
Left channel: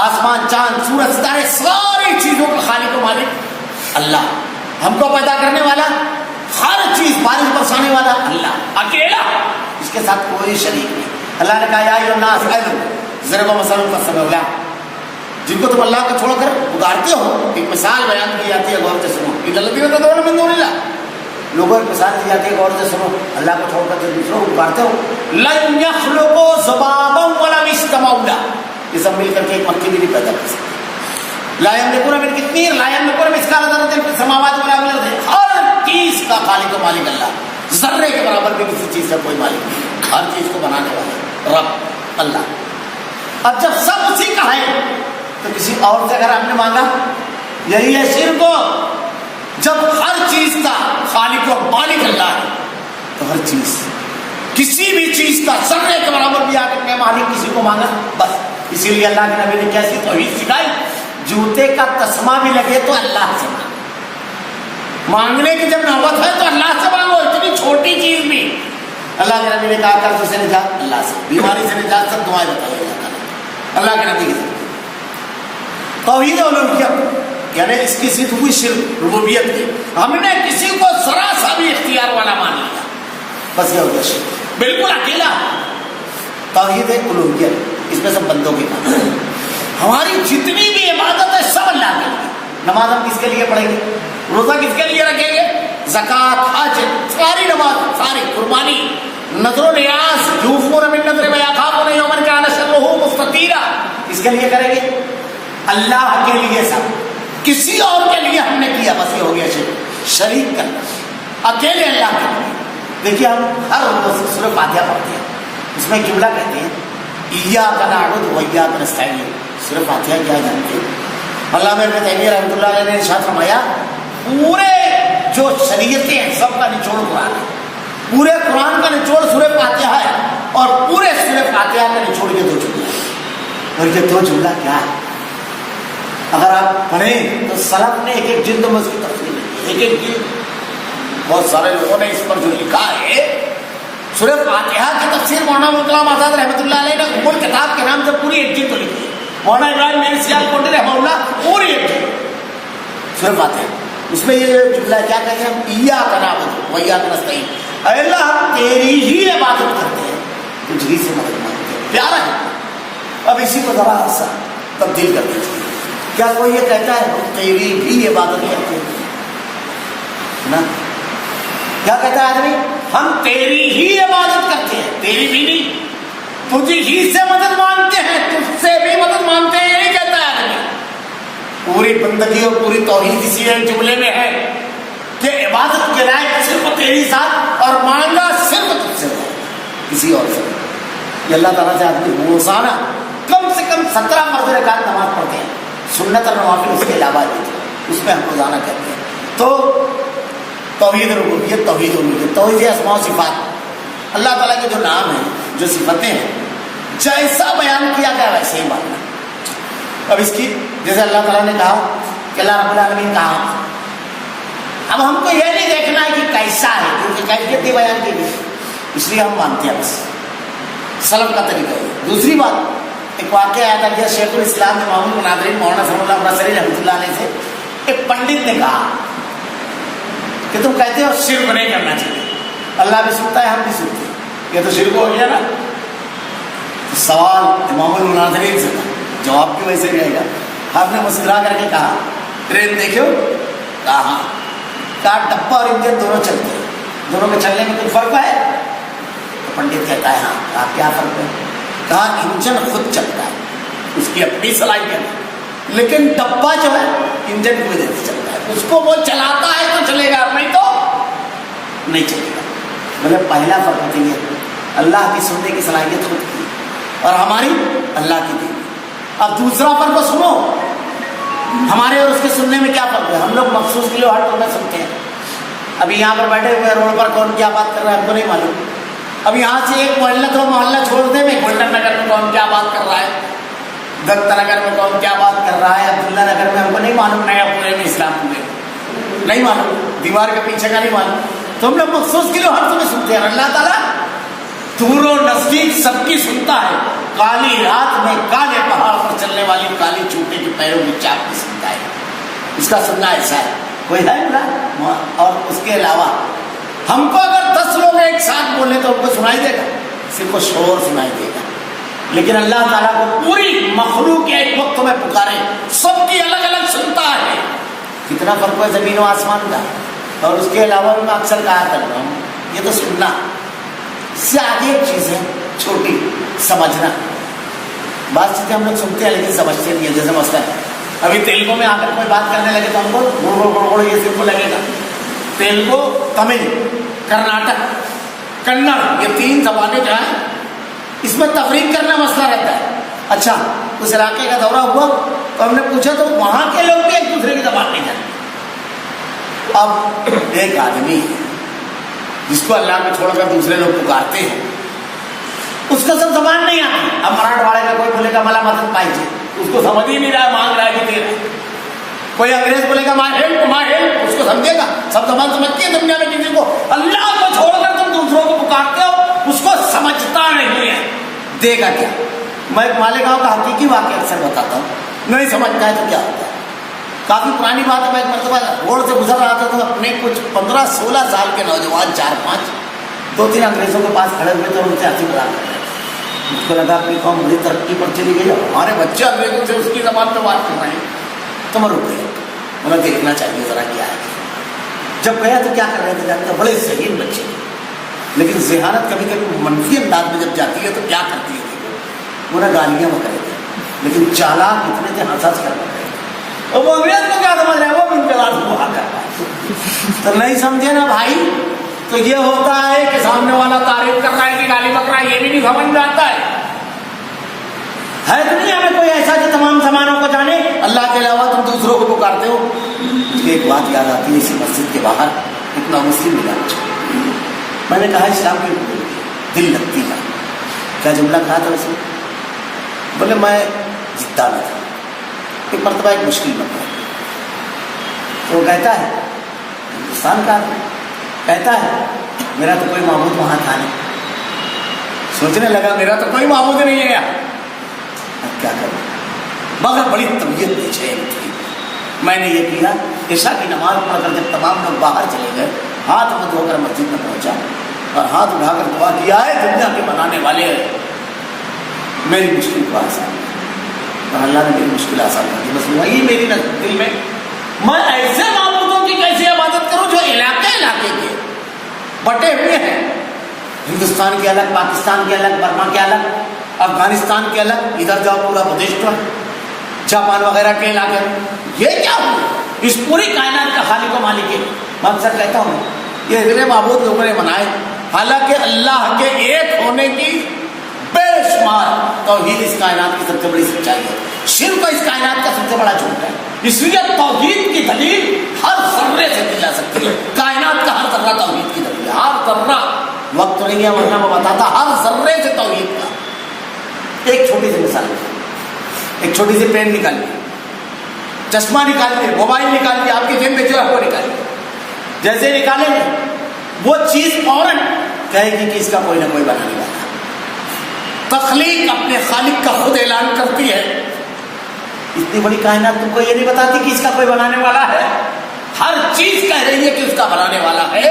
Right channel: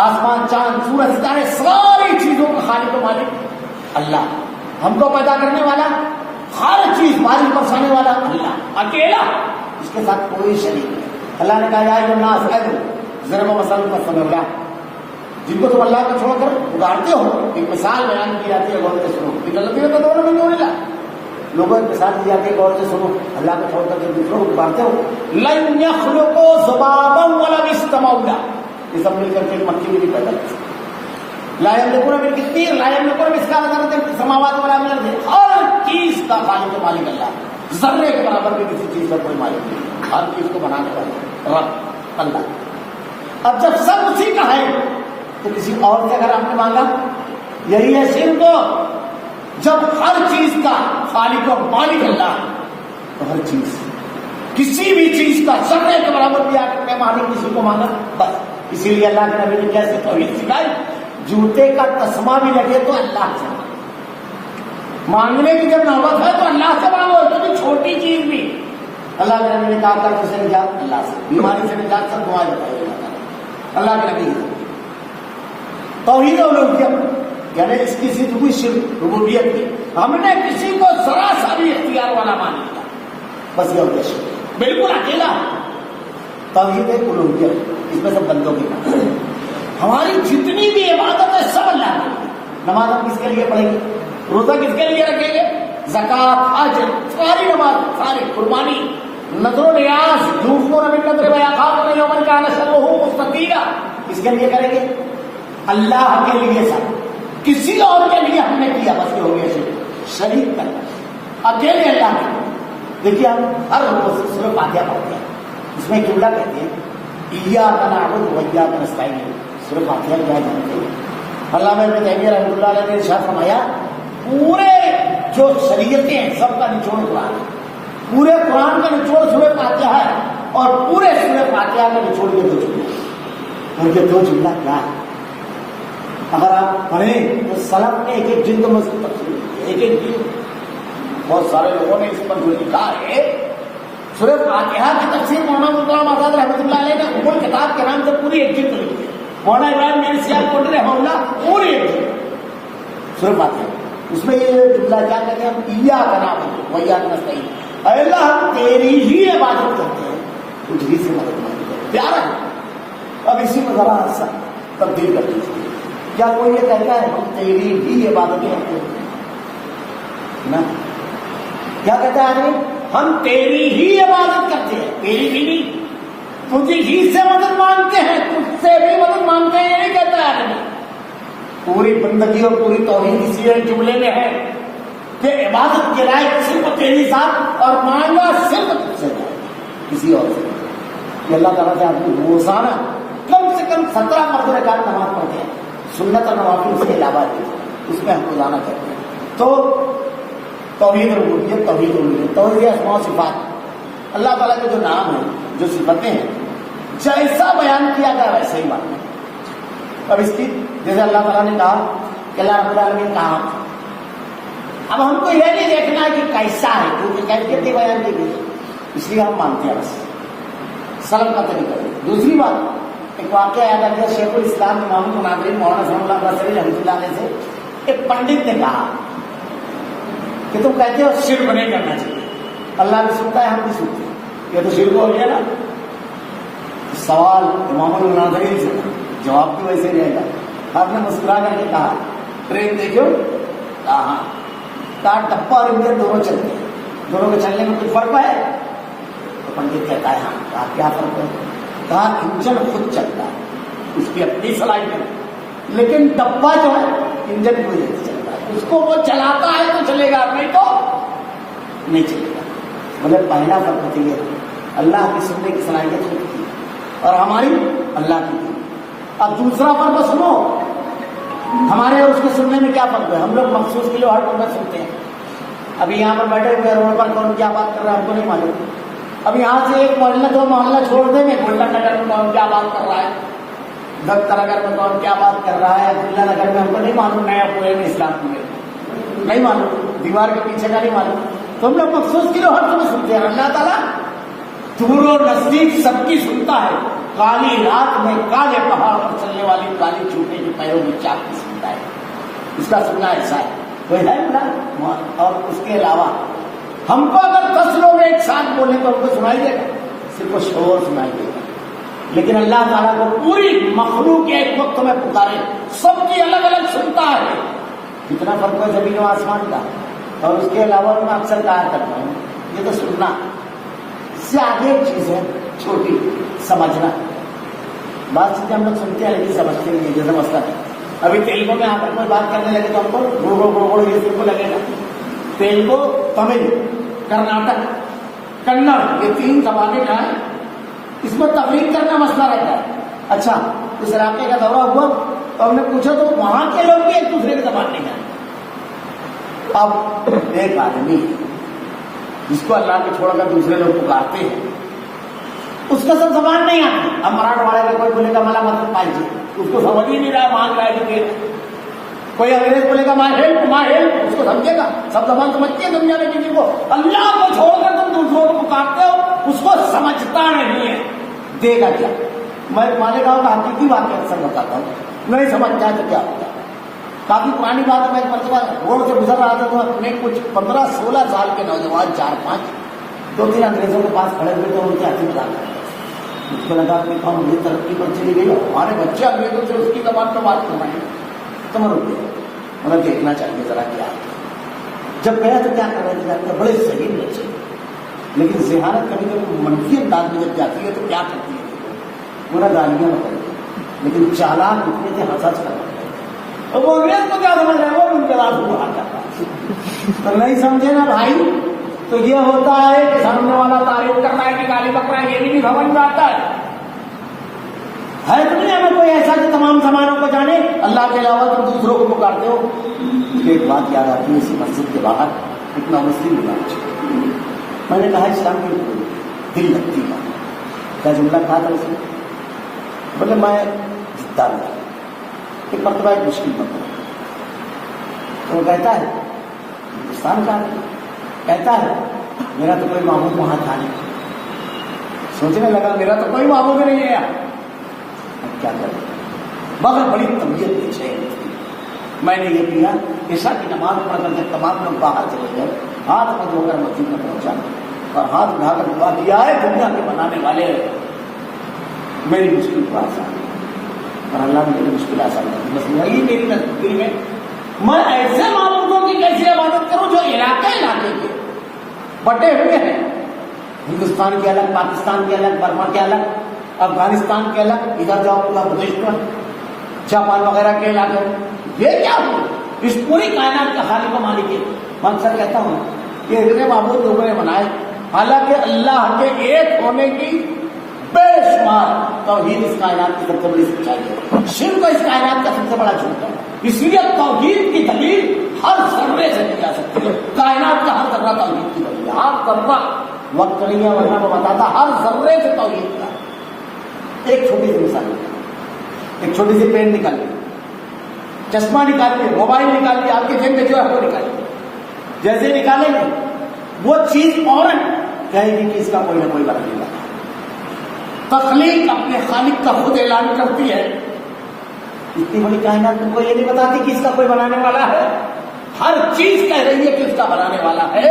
آسمان چاند سورج ستارے ساری چیزوں کا خالق و مالک اللہ۔ ہم کو پیدا کرنے والا، ہر چیز بارش برسانے والا اللہ اکیلا، اس کے ساتھ کوئی شریک نہیں۔ اللہ نے کہا یا ایھا الناس ضرب مثل فاستمعوا لہ، جن کو تم اللہ کو چھوڑ کر پکارتے ہو ایک مثال بیان کی جاتی ہے، غور سے سنو۔ ان الذین تدعون من دون اللہ، لوگوں ایک مثال دی جاتی ہے، غور سے سنو۔ اللہ کو چھوڑ کر جو دوسروں کو پکارتے ہو، لن یخلقوا ذبابا ولو اجتمعوا لہ، یہ سب مل کر کے ایک مکھی بھی نہیں پیدا کر سکتے۔ لا یملکون من قطمیر لا یملکون مثقال ذرۃ فی السماوات ولا فی الارض، ہر چیز کا خالق و مالک اللہ، ذرے کے برابر بھی کسی چیز کا کوئی مالک نہیں، ہر چیز کو بنانے والا رب اللہ۔ اب جب سب اسی کا ہے تو کسی اور سے اگر آپ نے مانگا، یہی ہے شرک۔ جب ہر چیز کا خالق و مالک اللہ ہے تو ہر چیز، کسی بھی چیز کا ذرے کے برابر بھی آ کر کے مالک کسی کو مانگا بس۔ اسی لیے اللہ کے نبی نے کیسی توحید سکھائی، جوتے کا تسمہ بھی لگے تو اللہ سے مانگنے کی جب نوبت ہے تو اللہ سے مانگو، اتنی چھوٹی چیز بھی۔ اللہ کے نبی نے کہا قرض سے نجات اللہ سے، بیماری سے نجات، سب دعائیں بتائیے اللہ کے نبی کی توحید الوہیت یعنی اس کی ضد ہوئی شرک ربوبیت کی۔ ہم نے کسی کو ذرا سا بھی اختیار والا مان لیا بس یہ ہو گیا شرک، بالکل اکیلا۔ توحید الوہیت اس میں سب بندوں کی بات ہے، ہماری جتنی بھی عبادت ہے سب اللہ کے لیے۔ نماز ہم کس کے لیے پڑھیں گے، روزہ کس کے لیے رکھیں گے، زکوٰۃ حج ساری نماز، ساری قربانی، نذر و نیاز، یوفون بالنذر ویخافون یوما کان شرہ مستطیرا، اس کے لیے کریں گے اللہ کے لیے سب، کسی اور کے لیے ہم نے کیا بس یہ ہو گیا شریک کرنا، اکیلے اللہ کے لیے۔ دیکھیے ہم ہر روز سورہ فاتحہ پڑھتے ہیں، اس میں جملہ کہتے ہیں ایاک نعبد و ایاک نستعین. صرف فاتحہ کیا جانتے ہیں؟ علامہ ابن تیمیہ رحمۃ اللہ علیہ نے ارشاد فرمایا پورے جو شریعتیں ہیں سب کا نچوڑ قرآن ہے. پورے قرآن کا نچوڑ سورہ فاتحہ ہے اور پورے سورہ فاتحہ کا نچوڑ یہ 2 جملے ہیں. اور یہ 2 جملہ کیا ہے؟ اگر آپ پڑھیں تو سلف نے ایک جلد میں اس کی تفصیل کی ہے. ایک جلد بہت سارے لوگوں نے اس پر جو لکھا ہے سورہ فاتحہ کی تفسیر مولانا ابوالکلام آزاد رحمۃ اللہ علیہ نے ام الکتاب کے نام سے پوری ایک جلد لکھی ہے. مولانا ابراہیم میر سیال کوٹی رحمہ اللہ پوری ایک جلد سورہ فاتحہ. اس میں یہ جملہ کیا کہتے ہیں؟ ایاک نعبد و ایاک نستعین. اے اللہ ہم تیری ہی عبادت کرتے ہیں, تجھ ہی سے مدد مانگتے ہیں. پیارا ہے. اب اسی کو ذرا سا تبدیل کر دیجیے. کیا کوئی یہ کہتا ہے ہم تیری بھی عبادت کرتے ہیں نا؟ کیا کہتا ہے آدمی؟ ہم تیری ہی عبادت کرتے ہیں, تیری بھی نہیں, تجھ ہی سے مدد مانگتے ہیں, تجھ سے بھی مدد مانگتے ہیں. یہ نہیں کہتا ہے آدمی. پوری بندگی اور پوری توحید اسی ایک جملے میں ہے کہ عبادت کے لائق صرف تیری ذات اور مانگا صرف تجھ سے جائے گا, کسی اور سے. یہ اللہ تعالیٰ سے آدمی روزانہ کم سے کم 17 فرض رکعت نماز پڑھتے ہیں, سنت اور نوافل اس کے علاوہ بھی اس میں ہم روزانہ کہتے ہیں. تو توحید ربوبیت, توحید الوہیت, توحید اسماء و صفات, اللہ تعالیٰ کے جو نام ہیں جو صفتیں ہیں جیسا بیان کیا گیا ویسے ہی ماننا. اب اس کی جیسے اللہ تعالیٰ نے کہا کہ اللہ رب العالمین کہاں, اب ہم کو یہ نہیں دیکھنا ہے کہ کیسا ہے کیونکہ کیفیت بھی بیان کی گئی اس لیے ہم مانتے ہیں. بس سلف کا طریقہ ہے. دوسری بات ایک واقعہ یاد آ گیا. شیخ الاسلام امام المناظرین مولانا صلی اللہ علیہ وسلم رحمۃ اللہ علیہ سے ایک پنڈت نے کہا کہ تم کہتے ہو شرک نہیں کرنا چاہیے, اللہ بھی سنتا ہے ہم بھی سنتے ہیں, یہ تو شرک ہو گیا نا. سوال امام المناظرین سے تھا, جواب بھی ویسے رہے گا. آپ نے مسکرا کر کے کہا ٹرین دیکھو, کہا ہاں, کہا ڈبہ اور انجن دونوں چلتے ہیں, دونوں کے چلنے میں کوئی فرق ہے؟ تو پنڈت کہتا ہے ہاں. کہا کیا فرق ہے؟ کہا انجن خود چلتا ہے, اس کی اپنی صلاحیت ہے, لیکن ڈبہ جو ہے انجن کی وجہ سے چلتا ہے, اس کو وہ چلاتا ہے تو چلے گا, نہیں تو نہیں چلے گا. مطلب پہلا فرق تو یہ اللہ کی سننے کی صلاحیت خود کی اور ہماری اللہ کی دی. اب دوسرا فرق سنو, ہمارے اور اس کے سننے میں کیا فرق ہے؟ ہم لوگ مخصوص کے لیے ہر ٹور میں سنتے ہیں. ابھی یہاں پر بیٹھے ہوئے روڈ پر کون کیا بات کر رہا ہے ہم کو نہیں معلوم. اب یہاں سے ایک محلہ دو محلہ چھوڑ دیں, میں گولڈن نگر میں کون کیا بات کر رہا ہے, دت نگر میں کون کیا بات کر رہا ہے, عبداللہ نگر میں ہم کو نہیں معلوم, نیا پورے میں اسلام پورے نہیں معلوم, دیوار کے پیچھے کا نہیں معلوم. تو ہم لوگ مخصوص کے لیے ہر ٹور میں سنتے ہیں. اللہ تعالیٰ دور و نزدیک سب کی سنتا ہے. کالی رات میں کالے پہاڑ پر چلنے والی کالی چوٹے کے پیروں کی چاپ کی سنتا ہے. اس کا سننا ایسا ہے. کوئی ہے بلا؟ اور اس کے علاوہ ہم کو اگر 10 لوگ ایک ساتھ بولیں تو ہم کو سنائی دے گا, صرف کو شور سنائی دے گا. لیکن اللہ تعالیٰ کو پوری مخلوق ایک وقت میں پکارے, سب کی الگ الگ سنتا ہے. کتنا فرق ہے زمین و آسمان کا. اور اس کے علاوہ میں اکثر کہا کرتا ہوں یہ تو سننا, اس سے آگے ایک چیز ہے چھوٹی, سمجھنا. بعض چیزیں ہم لوگ سنتے ہیں لیکن سمجھتے نہیں ہیں. جیسے مسئلہ ابھی تیلگو میں آ کر کوئی بات کرنے لگے تو ہم کو گڑگڑ گڑگڑ یہ صرف لگے گا. تیلگو, تمل, کرناٹک, کنڑ, یہ 3 زبانیں جو ہیں اس میں تفریق کرنا مسئلہ رہتا ہے. اچھا اس علاقے کا دورہ ہوا تو ہم نے پوچھا تو وہاں کے لوگ بھی ایک دوسرے کی زبان نہیں جانتے. اب ایک آدمی جس کو اللہ کو چھوڑ کر دوسرے لوگ پکارتے ہیں اس کا سب زبان نہیں آتی. اب مراٹھواڑے کا کوئی بولے گا ملا مدد پائیے, اس کو سمجھ ہی نہیں رہا ہے, مانگ رہا ہے کہ دے رہا ہے. کوئی انگریز بولے گا ماں ہیلپ, اس کو سمجھے گا. سب زبان سمجھتی ہے دنیا میں. کسی کو اللہ کو چھوڑ کر تم دوسروں کو پکارتے ہو, اس کو سمجھتا نہیں ہے, دے گا کیا؟ میں مالیگاؤں کا حقیقی واقعہ اکثر بتاتا ہوں, نہیں سمجھتا ہے تو کیا ہوتا ہے. کافی پرانی بات ہے. میں ایک مرتبہ روڈ سے گزر رہا تھا تو اپنے کچھ 15-16 سال کے نوجوان 4-5 2-3 انگریزوں کے پاس کھڑے ہوئے تو ان سے ہنسی مذاق کر رہے. مجھ کو لگا اپنی قوم بڑی ترقی پر چلی گئی, ہمارے بچے انگریزوں سے اس کی زبان پہ بات کر رہے ہیں. تو میں رک گیا, انہیں دیکھنا چاہیے ذرا کیا ہے. جب گیا تو کیا کر رہے تھے جانتے, بڑے ذہین بچے, لیکن ذہانت کبھی کبھی منفی انداز میں جب جاتی ہے تو کیا کرتی ہے, وہ نہ گالیاں میں کرے تھے لیکن چالاک اتنے تھے ہنس ہنس کر رہے تھے. اور وہ انگریز کو کیا سمجھ رہے ہیں, وہ بھی ان کے ساتھ وہ کر پائے. تو نہیں سمجھے نا بھائی, تو یہ ہوتا ہے کہ سامنے والا تعریف کر رہا ہے کہ گالی بک رہا ہے، یہ بھی نہیں سمجھ میں آتا ہے دنیا میں کوئی ایسا جو تمام زمانوں کو جانے؟ اللہ کے علاوہ تم دوسروں کو پکارتے ہو۔ مجھے ایک بات یاد آتی ہے، اسی مسجد کے باہر ایک نامسلم ملا، میں نے کہا اسلام کی دل لگتی ہے، کیا جملہ کہا تھا اس نے؟ بولے میں جدہ میں تھا، ایک مرتبہ ایک مشکل میں پڑا، تو وہ کہتا ہے ہندوستان کا کہتا ہے میرا تو کوئی معبود وہاں تھا نہیں۔ سوچنے لگا میرا تو کوئی معبود نہیں ہے یہاں، کیا کروں؟ مگر بڑی طبیعت بے چین تھی، میں نے یہ کیا، عشاء کی نماز پڑھ کر جب تمام لوگ باہر چلے گئے، ہاتھ میں دھو کر مسجد میں پہنچا اور ہاتھ اٹھا کر دعا کیا ہے دنیا کے بنانے والے میری مشکل کو آسان کر، اور اللہ نے میری مشکل آسان کر دی۔ بس وہی میری دل میں، میں ایسے معبودوں کی کیسی عبادت کروں جو علاقے کے بٹے ہوئے ہیں، ہندوستان کے الگ، پاکستان کے الگ، برما کے الگ، افغانستان کے الگ، ادھر جاؤ پورا بدشت ہے، جاپان وغیرہ کے علاقے، یہ کیا ہو؟ اس پوری کائنات کا خالق و مالک ہے۔ میں اکثر کہتا ہوں یہ اتنے معبود لوگوں نے بنائے، حالانکہ اللہ کے ایک ہونے کی بے شمار توحید اس کائنات کی سب سے بڑی سچائی ہے، شرک اس کائنات کا سب سے بڑا جھوٹ ہے۔ اس لیے توحید کی دلیل ہر ذرے سے دی جا سکتی ہے، کائنات کا ہر ذرہ توحید کی دلیل ہے، ہر ذرہ، وقت نہیں ہے ورنہ میں بتاتا، ہر ذرے سے توحید کا۔ ایک چھوٹی سی مثال، ایک چھوٹی سی پین نکال لی، چشمہ نکال لیا، موبائل نکال لیا، آپ کی جیب میں جو ہے وہ نکال لیا، جیسے نکالیں گے وہ چیز فوراً کہے گی کہ اس کا کوئی نہ کوئی بنانے والا ہے۔ تخلیق اپنے خالق کا خود اعلان کرتی ہے، اتنی بڑی کائنات تم کو یہ نہیں بتاتی کہ اس کا کوئی بنانے والا ہے؟ ہر چیز کہہ رہی ہے کہ اس کا بنانے والا ہے۔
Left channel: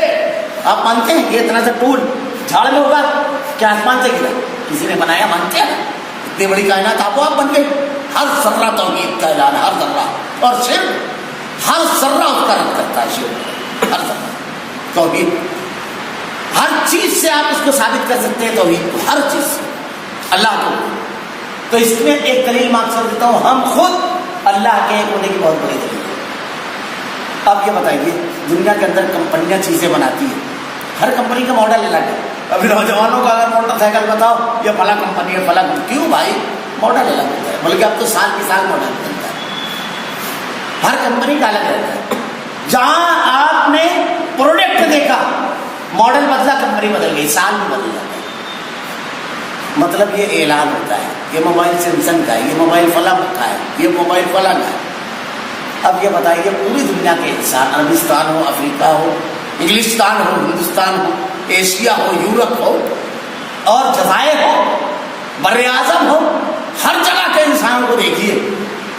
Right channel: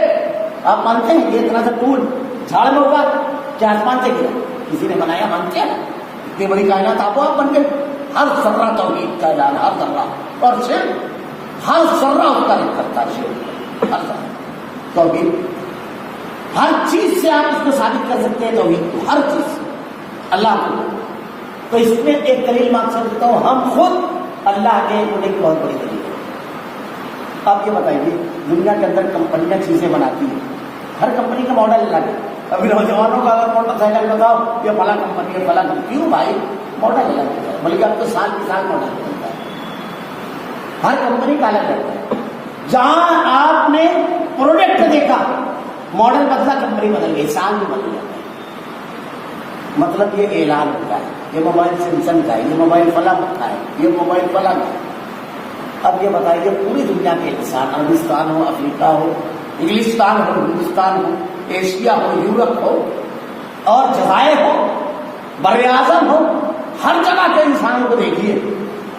آپ مانتے ہیں یہ اتنا سا ٹول جھاڑ میں ہوگا کیا آسمان سے گرا؟ کسی نے بنایا، مانتے ہیں؟ اتنی بڑی کائنات آپ بن گئی، ہر ذرہ توحید کا اعلان، ہر ذرہ، اور صرف ہر ذرہ اس کا رد کرتا ہے، شرک ہر ذرہ توحید، ہر چیز سے آپ اس کو ثابت کر سکتے ہیں توحید کو، ہر چیز سے اللہ کو۔ تو اس میں ایک دلیل میں اکثر دیتا ہوں، ہم خود اللہ کے ہونے کی بہت بڑی دلیل ہے۔ آپ یہ بتائیے دنیا کے اندر کمپنیاں چیزیں بناتی ہیں، ہر کمپنی کا ماڈل الگ ہے۔ ابھی نوجوانوں کا اگر موٹر سائیکل بتاؤ یہ فلاں کمپنی ہے، فلاں کمپنی، کیوں بھائی؟ ماڈل الگ ہوتا ہے، بلکہ اب تو سال کی سال ماڈل بدلتا ہے، ہر کمپنی کا الگ رہتا ہے۔ جہاں آپ نے پروڈکٹ دیکھا ماڈل بدلا، کمپنی بدل گئی، سال میں بدل جاتا ہے۔ مطلب یہ اعلان ہوتا ہے یہ موبائل سیمسنگ کا ہے، یہ موبائل فلاں کا ہے، یہ موبائل فلاں کا ہے۔ اب یہ بتائیے پوری دنیا کے انسان، عربستان ہو، افریقہ ہو، انگلستان ہو، ہندوستان ہو، ایشیا ہو، یورپ ہو اور جزائر ہو، بر اعظم ہو، ہر جگہ کے انسان کو دیکھیے،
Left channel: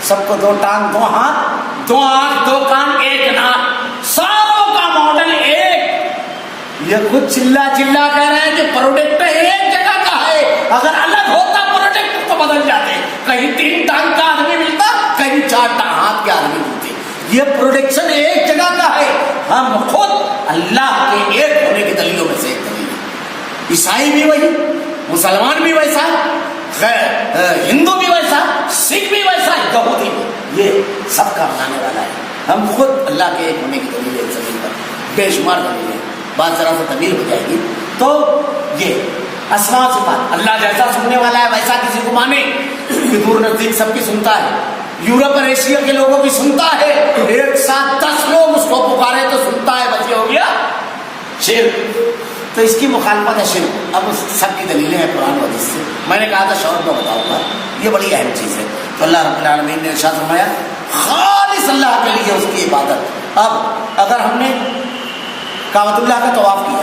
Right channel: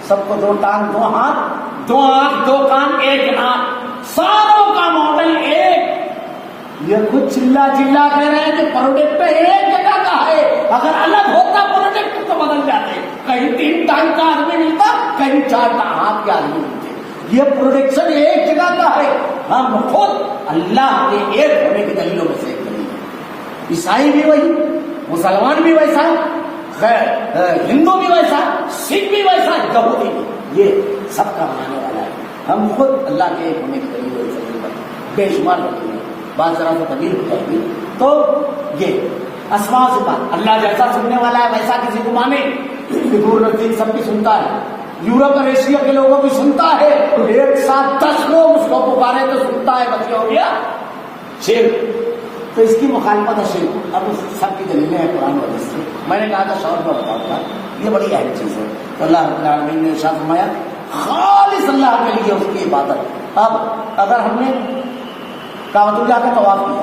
سب کو دو ٹانگ، دو ہاتھ، دو آنکھ، دو کان، ایک ناک، ساروں کا ماڈل ایک۔ یہ خود چلا کہہ رہے ہیں کہ پروڈکٹ ایک جگہ کا ہے، اگر الگ ہوتا پروڈکٹ تو بدل جاتے، کہیں 3 ٹانگ کا آدمی ملتا، کہیں 4 ہاتھ کے آدمی ملتے۔ یہ پروڈکشن ایک جگہ کا ہے، ہم خود اللہ کے ایک ہونے کی دلیلوں میں سے ایک دلیل ہے۔ عیسائی بھی وہی، مسلمان بھی ویسا، ہندو بھی ویسا، سکھ بھی ویسا، یہودی بھی، یہ سب کا بنانے والا ہے۔ ہم خود اللہ کے ایک ہونے کی دلیل ہے، اس زمین پر بے شمار دلیل ہے، بات ذرا سا طویل ہو جائے گی۔ تو یہ اسماء و صفات، اللہ جیسا سننے والا ہے ویسا کسی کو مانے، کہ دور نزدیک سب کی سنتا ہے، یورپ اور ایشیا کے لوگوں کی سنتا ہے، ایک ساتھ 10 لوگ اس کو پکارے تو سنتا ہے، بس یہ ہو گیا شرک۔ تو اس کی مخالفت ہے شرک۔ اب اس سب کی دلیلیں ہیں قرآن و حدیث سے، میں نے کہا تھا شعور میں بتاؤں گا، یہ بڑی اہم چیز ہے۔ تو اللہ رب العالمین نے ارشاد فرمایا خالص اللہ کے لیے اس کی عبادت۔ اب اگر ہم نے کعبۃ اللہ کا طواف کیا،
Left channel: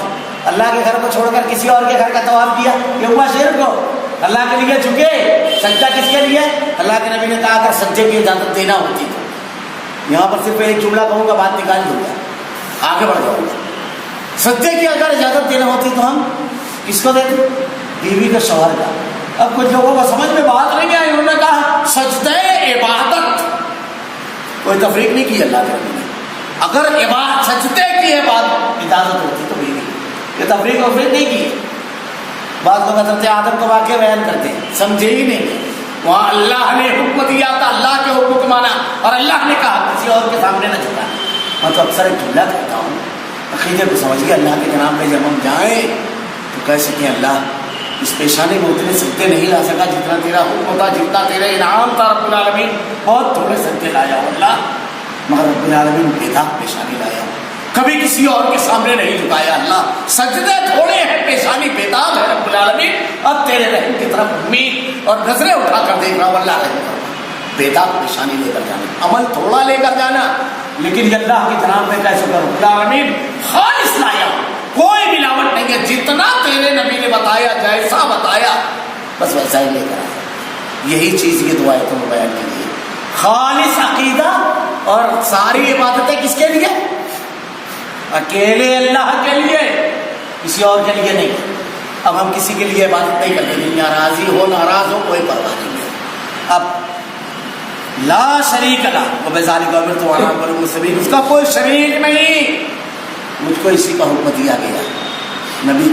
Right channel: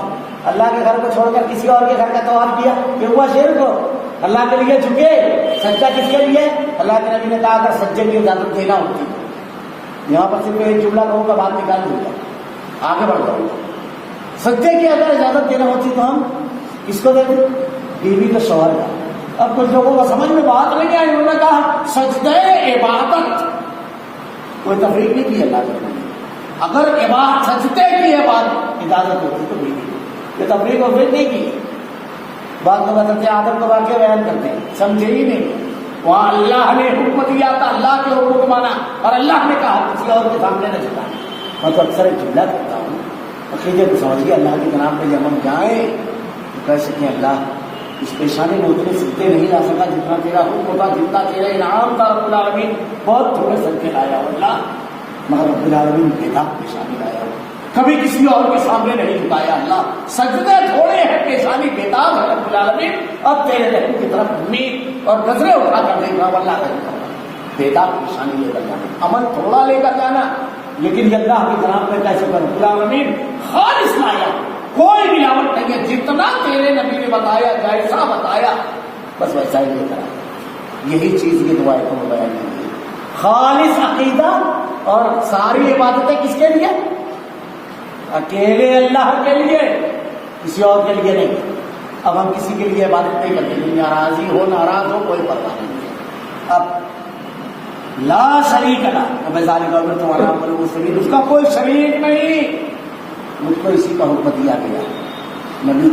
اللہ کے گھر کو چھوڑ کر کسی اور کے گھر کا طواف کیا، یہ ہوا شرک ہو۔ اللہ کے لیے جھکے، سجدہ کس کے لیے؟ اللہ کے نبی نے کہا اگر سجدے کی اجازت دینا ہوتی تو، یہاں پر صرف ایک جملہ کہوں گا، بات نکال دوں گا، آگے بڑھ جاؤں گا۔ سجدے کی اگر اجازت دینا ہوتی تو ہم کس کو دیتے؟ بیوی کو شوہر کا۔ اب کچھ لوگوں کو سمجھ میں بات نہیں آئی، انہوں نے کہا سجدے عبادت، کوئی تفریق نہیں کی اللہ کے نبی نے۔ اگر سجدے کی اجازت ہوتی تو بیوی، یہ تفریق وفریق نہیں کی۔ بعض لوگ حضرت آدم کو واقعہ بیان کرتے ہیں، سمجھے ہی نہیں، وہاں اللہ نے حکم دیا تھا، اللہ کے حکم کو مانا، اور اللہ نے کہا کسی اور کے سامنے نہ جھکانا۔ میں تو اکثر ایک جملہ کہتا ہوں، عقیدے کو سمجھ گئے اللہ کے جناب میں جب ہم جائیں تو کہہ سکیں اللہ اس پیشانی میں اتنے سجدے نہیں لا سکا جتنا تیرا حکم تھا، جتنا تیرے انعام تھا رب العالمین، بہت تھوڑے سجدے لایا ہوں اللہ، مگر رب العالمین بے داغ پیشانی لایا ہوں، کبھی کسی اور کے سامنے نہیں جھکایا اللہ، سجدے تھوڑے ہیں پیشانی بے داغ ہے رب العالمین، اب تیرے رحم کی طرف امید اور نظریں اٹھا کر دیکھ رہا ہوں اللہ رحم کرنا، بے داغ پیشانی لے کر جانا، عمل تھوڑا لے کر جانا، لیکن یہ اللہ کے جناب میں کیسے کروں رب العالمین خالص لایا ہوں، کوئی ملاوٹ نہیں ہے، جتنا تیرے نبی نے بتایا جیسا بتایا بس ویسا ہی لے کر آیا۔ یہی چیز یہ دعا ہے تمہیں بیان کی گئی، خالص عقیدہ اور ساری عبادتیں کس کے لیے؟ اکیلے اللہ کے لیے، کسی اور کے لیے نہیں۔ اب ہم کسی کے لیے عبادت نہیں کرتے، دنیا راضی ہو ناراض ہو کوئی پرواہ نہیں ہے۔ اب لا شریک لہ وبذالک امرت وانا اول المسلمین، اس کا کوئی شریک نہیں، مجھ کو اسی کا حکم دیا گیا نبی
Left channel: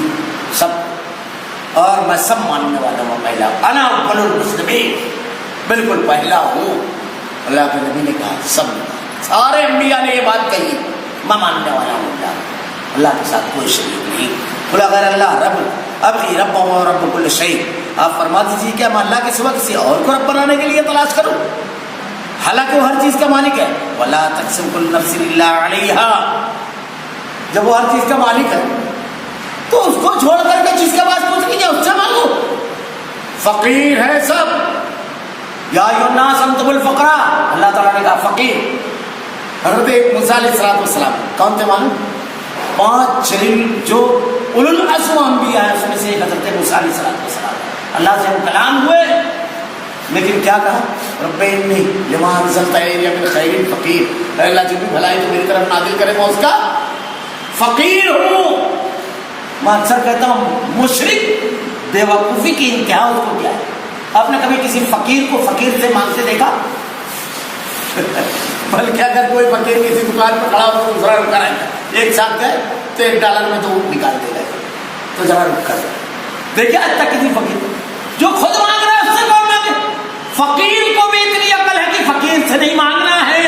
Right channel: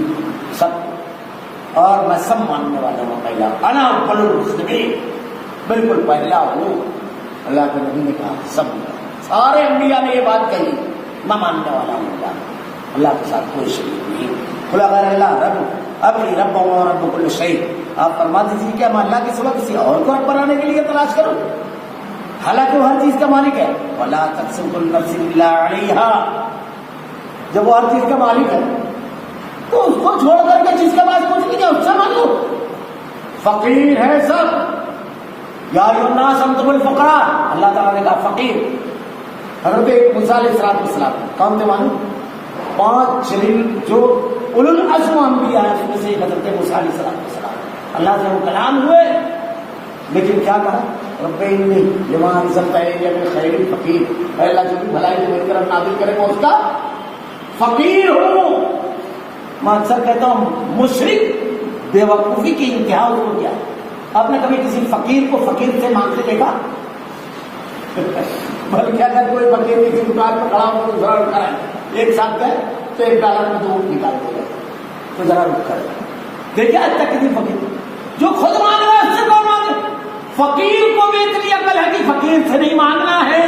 سب، اور میں سب ماننے والا ہوں، پہلا انا اول المسلمین، بالکل پہلا ہوں۔ اللہ کے نبی نے کہا، سب نے کہا، سارے انبیاء نے یہ بات کہی، میں ماننے والا ہوں اللہ کے ساتھ کوئی شریک نہیں، قل غیر اللہ رب ابغی رب و رب کل شیء، آپ فرما دیجیے کہ میں اللہ کے سوا کسی اور کو رب بنانے کے لیے تلاش کروں، حالانکہ وہ ہر چیز کا مالک ہے۔ ولا تقسم كل نفس الا عليها، جب وہ ہر چیز کا مالک ہے تو اس کو چھوڑ کر کے جس کے پاس کچھ نہیں ہے اس سے مانگو، فقیر ہے سب، یا ایھا الناس انتم الفقراء، اللہ تعالیٰ نے کہا فقیر۔ حضرت موسیٰ علیہ السلام کون تھے معلوم؟ 5 جلیل جو اولو العزم انبیاء ہیں اس میں سے ایک حضرت موسیٰ علیہ السلام، اللہ سے ہم کلام ہوئے، لیکن کیا کہا؟ رب انی لما انزلت الی من خیر فقیر، اے اللہ جو بھی بھلائی تو میری طرف نازل کرے میں اس کا فقیر ہوں۔ میں اکثر کہتا ہوں مشرک بے وقوفی کی انتہا اس کو کیا ہے؟ آپ نے کبھی کسی فقیر کو فقیر سے مانگتے دیکھا؟ بلکہ اگر کوئی فقیر کسی دکان پر کھڑا ہو تو ذرا رک کر ایک ساتھ گئے تو $1 میں 2 نکال دے گئے، تو ذرا رک کر دیکھیے آج تک کسی فقیر جو خود مانگ رہا ہے اس سے کون مانگے؟ فقیر کو بھی اتنی عقل ہے کہ فقیر سے نہیں مانگنا ہے،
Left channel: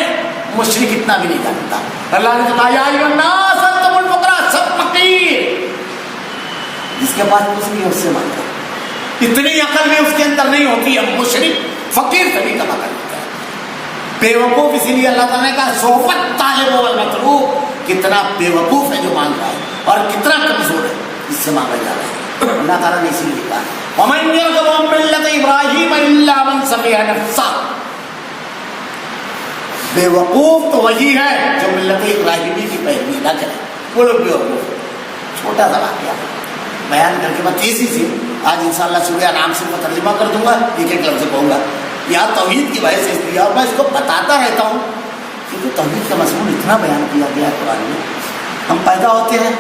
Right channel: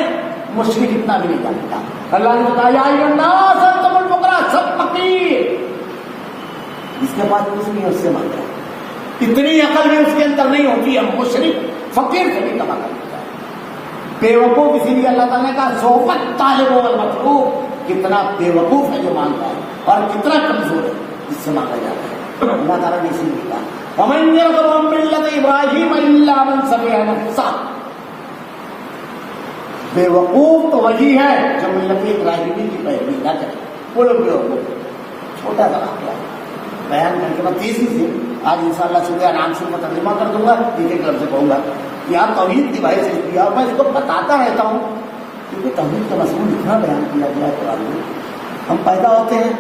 مشرک اتنا بھی نہیں جانتا۔ اللہ نے کہا یا ایھا الناس انتم الفقراء، سب فقیر، جس کے پاس کچھ نہیں ہے اس سے مانگا، اتنی عقل بھی اس کے اندر نہیں ہوتی ہے، مشرک فقیر سے بھی کما کر لیتا ہے، بے وقوف۔ اسی لیے اللہ تعالیٰ نے کہا صحبت طالب والمطلوب، کتنا بے وقوف ہے جو مانگ رہا ہے اور کتنا کمزور ہے جس سے مانگا جا رہا ہے۔ اللہ تعالیٰ نے اسی لیے کہا وَمَن يَرْغَبُ عَن مِّلَّةِ إِبْرَاهِيمَ إِلَّا مَن سَفِهَ نَفْسَهُ، بے وقوف تو وہی ہے جو ملت ابراہیمی کی پیروی نہ کرے، وہ لوگ بے وقوف۔ چھوٹا سا واقعہ بیان کر کے میں تیزی سے آج انشاءاللہ سورہ انعام سے میں ترجمہ کر دوں گا، ایک ایک لفظ کہوں گا، یہاں توحید کی وجہ سے اس لیے اور میں اس کو بتاتا رہتا ہوں کیونکہ توحید کا مضمون اتنا بیان کیا گیا ہے قرآن میں۔ ہم پیدا ہوتے ہیں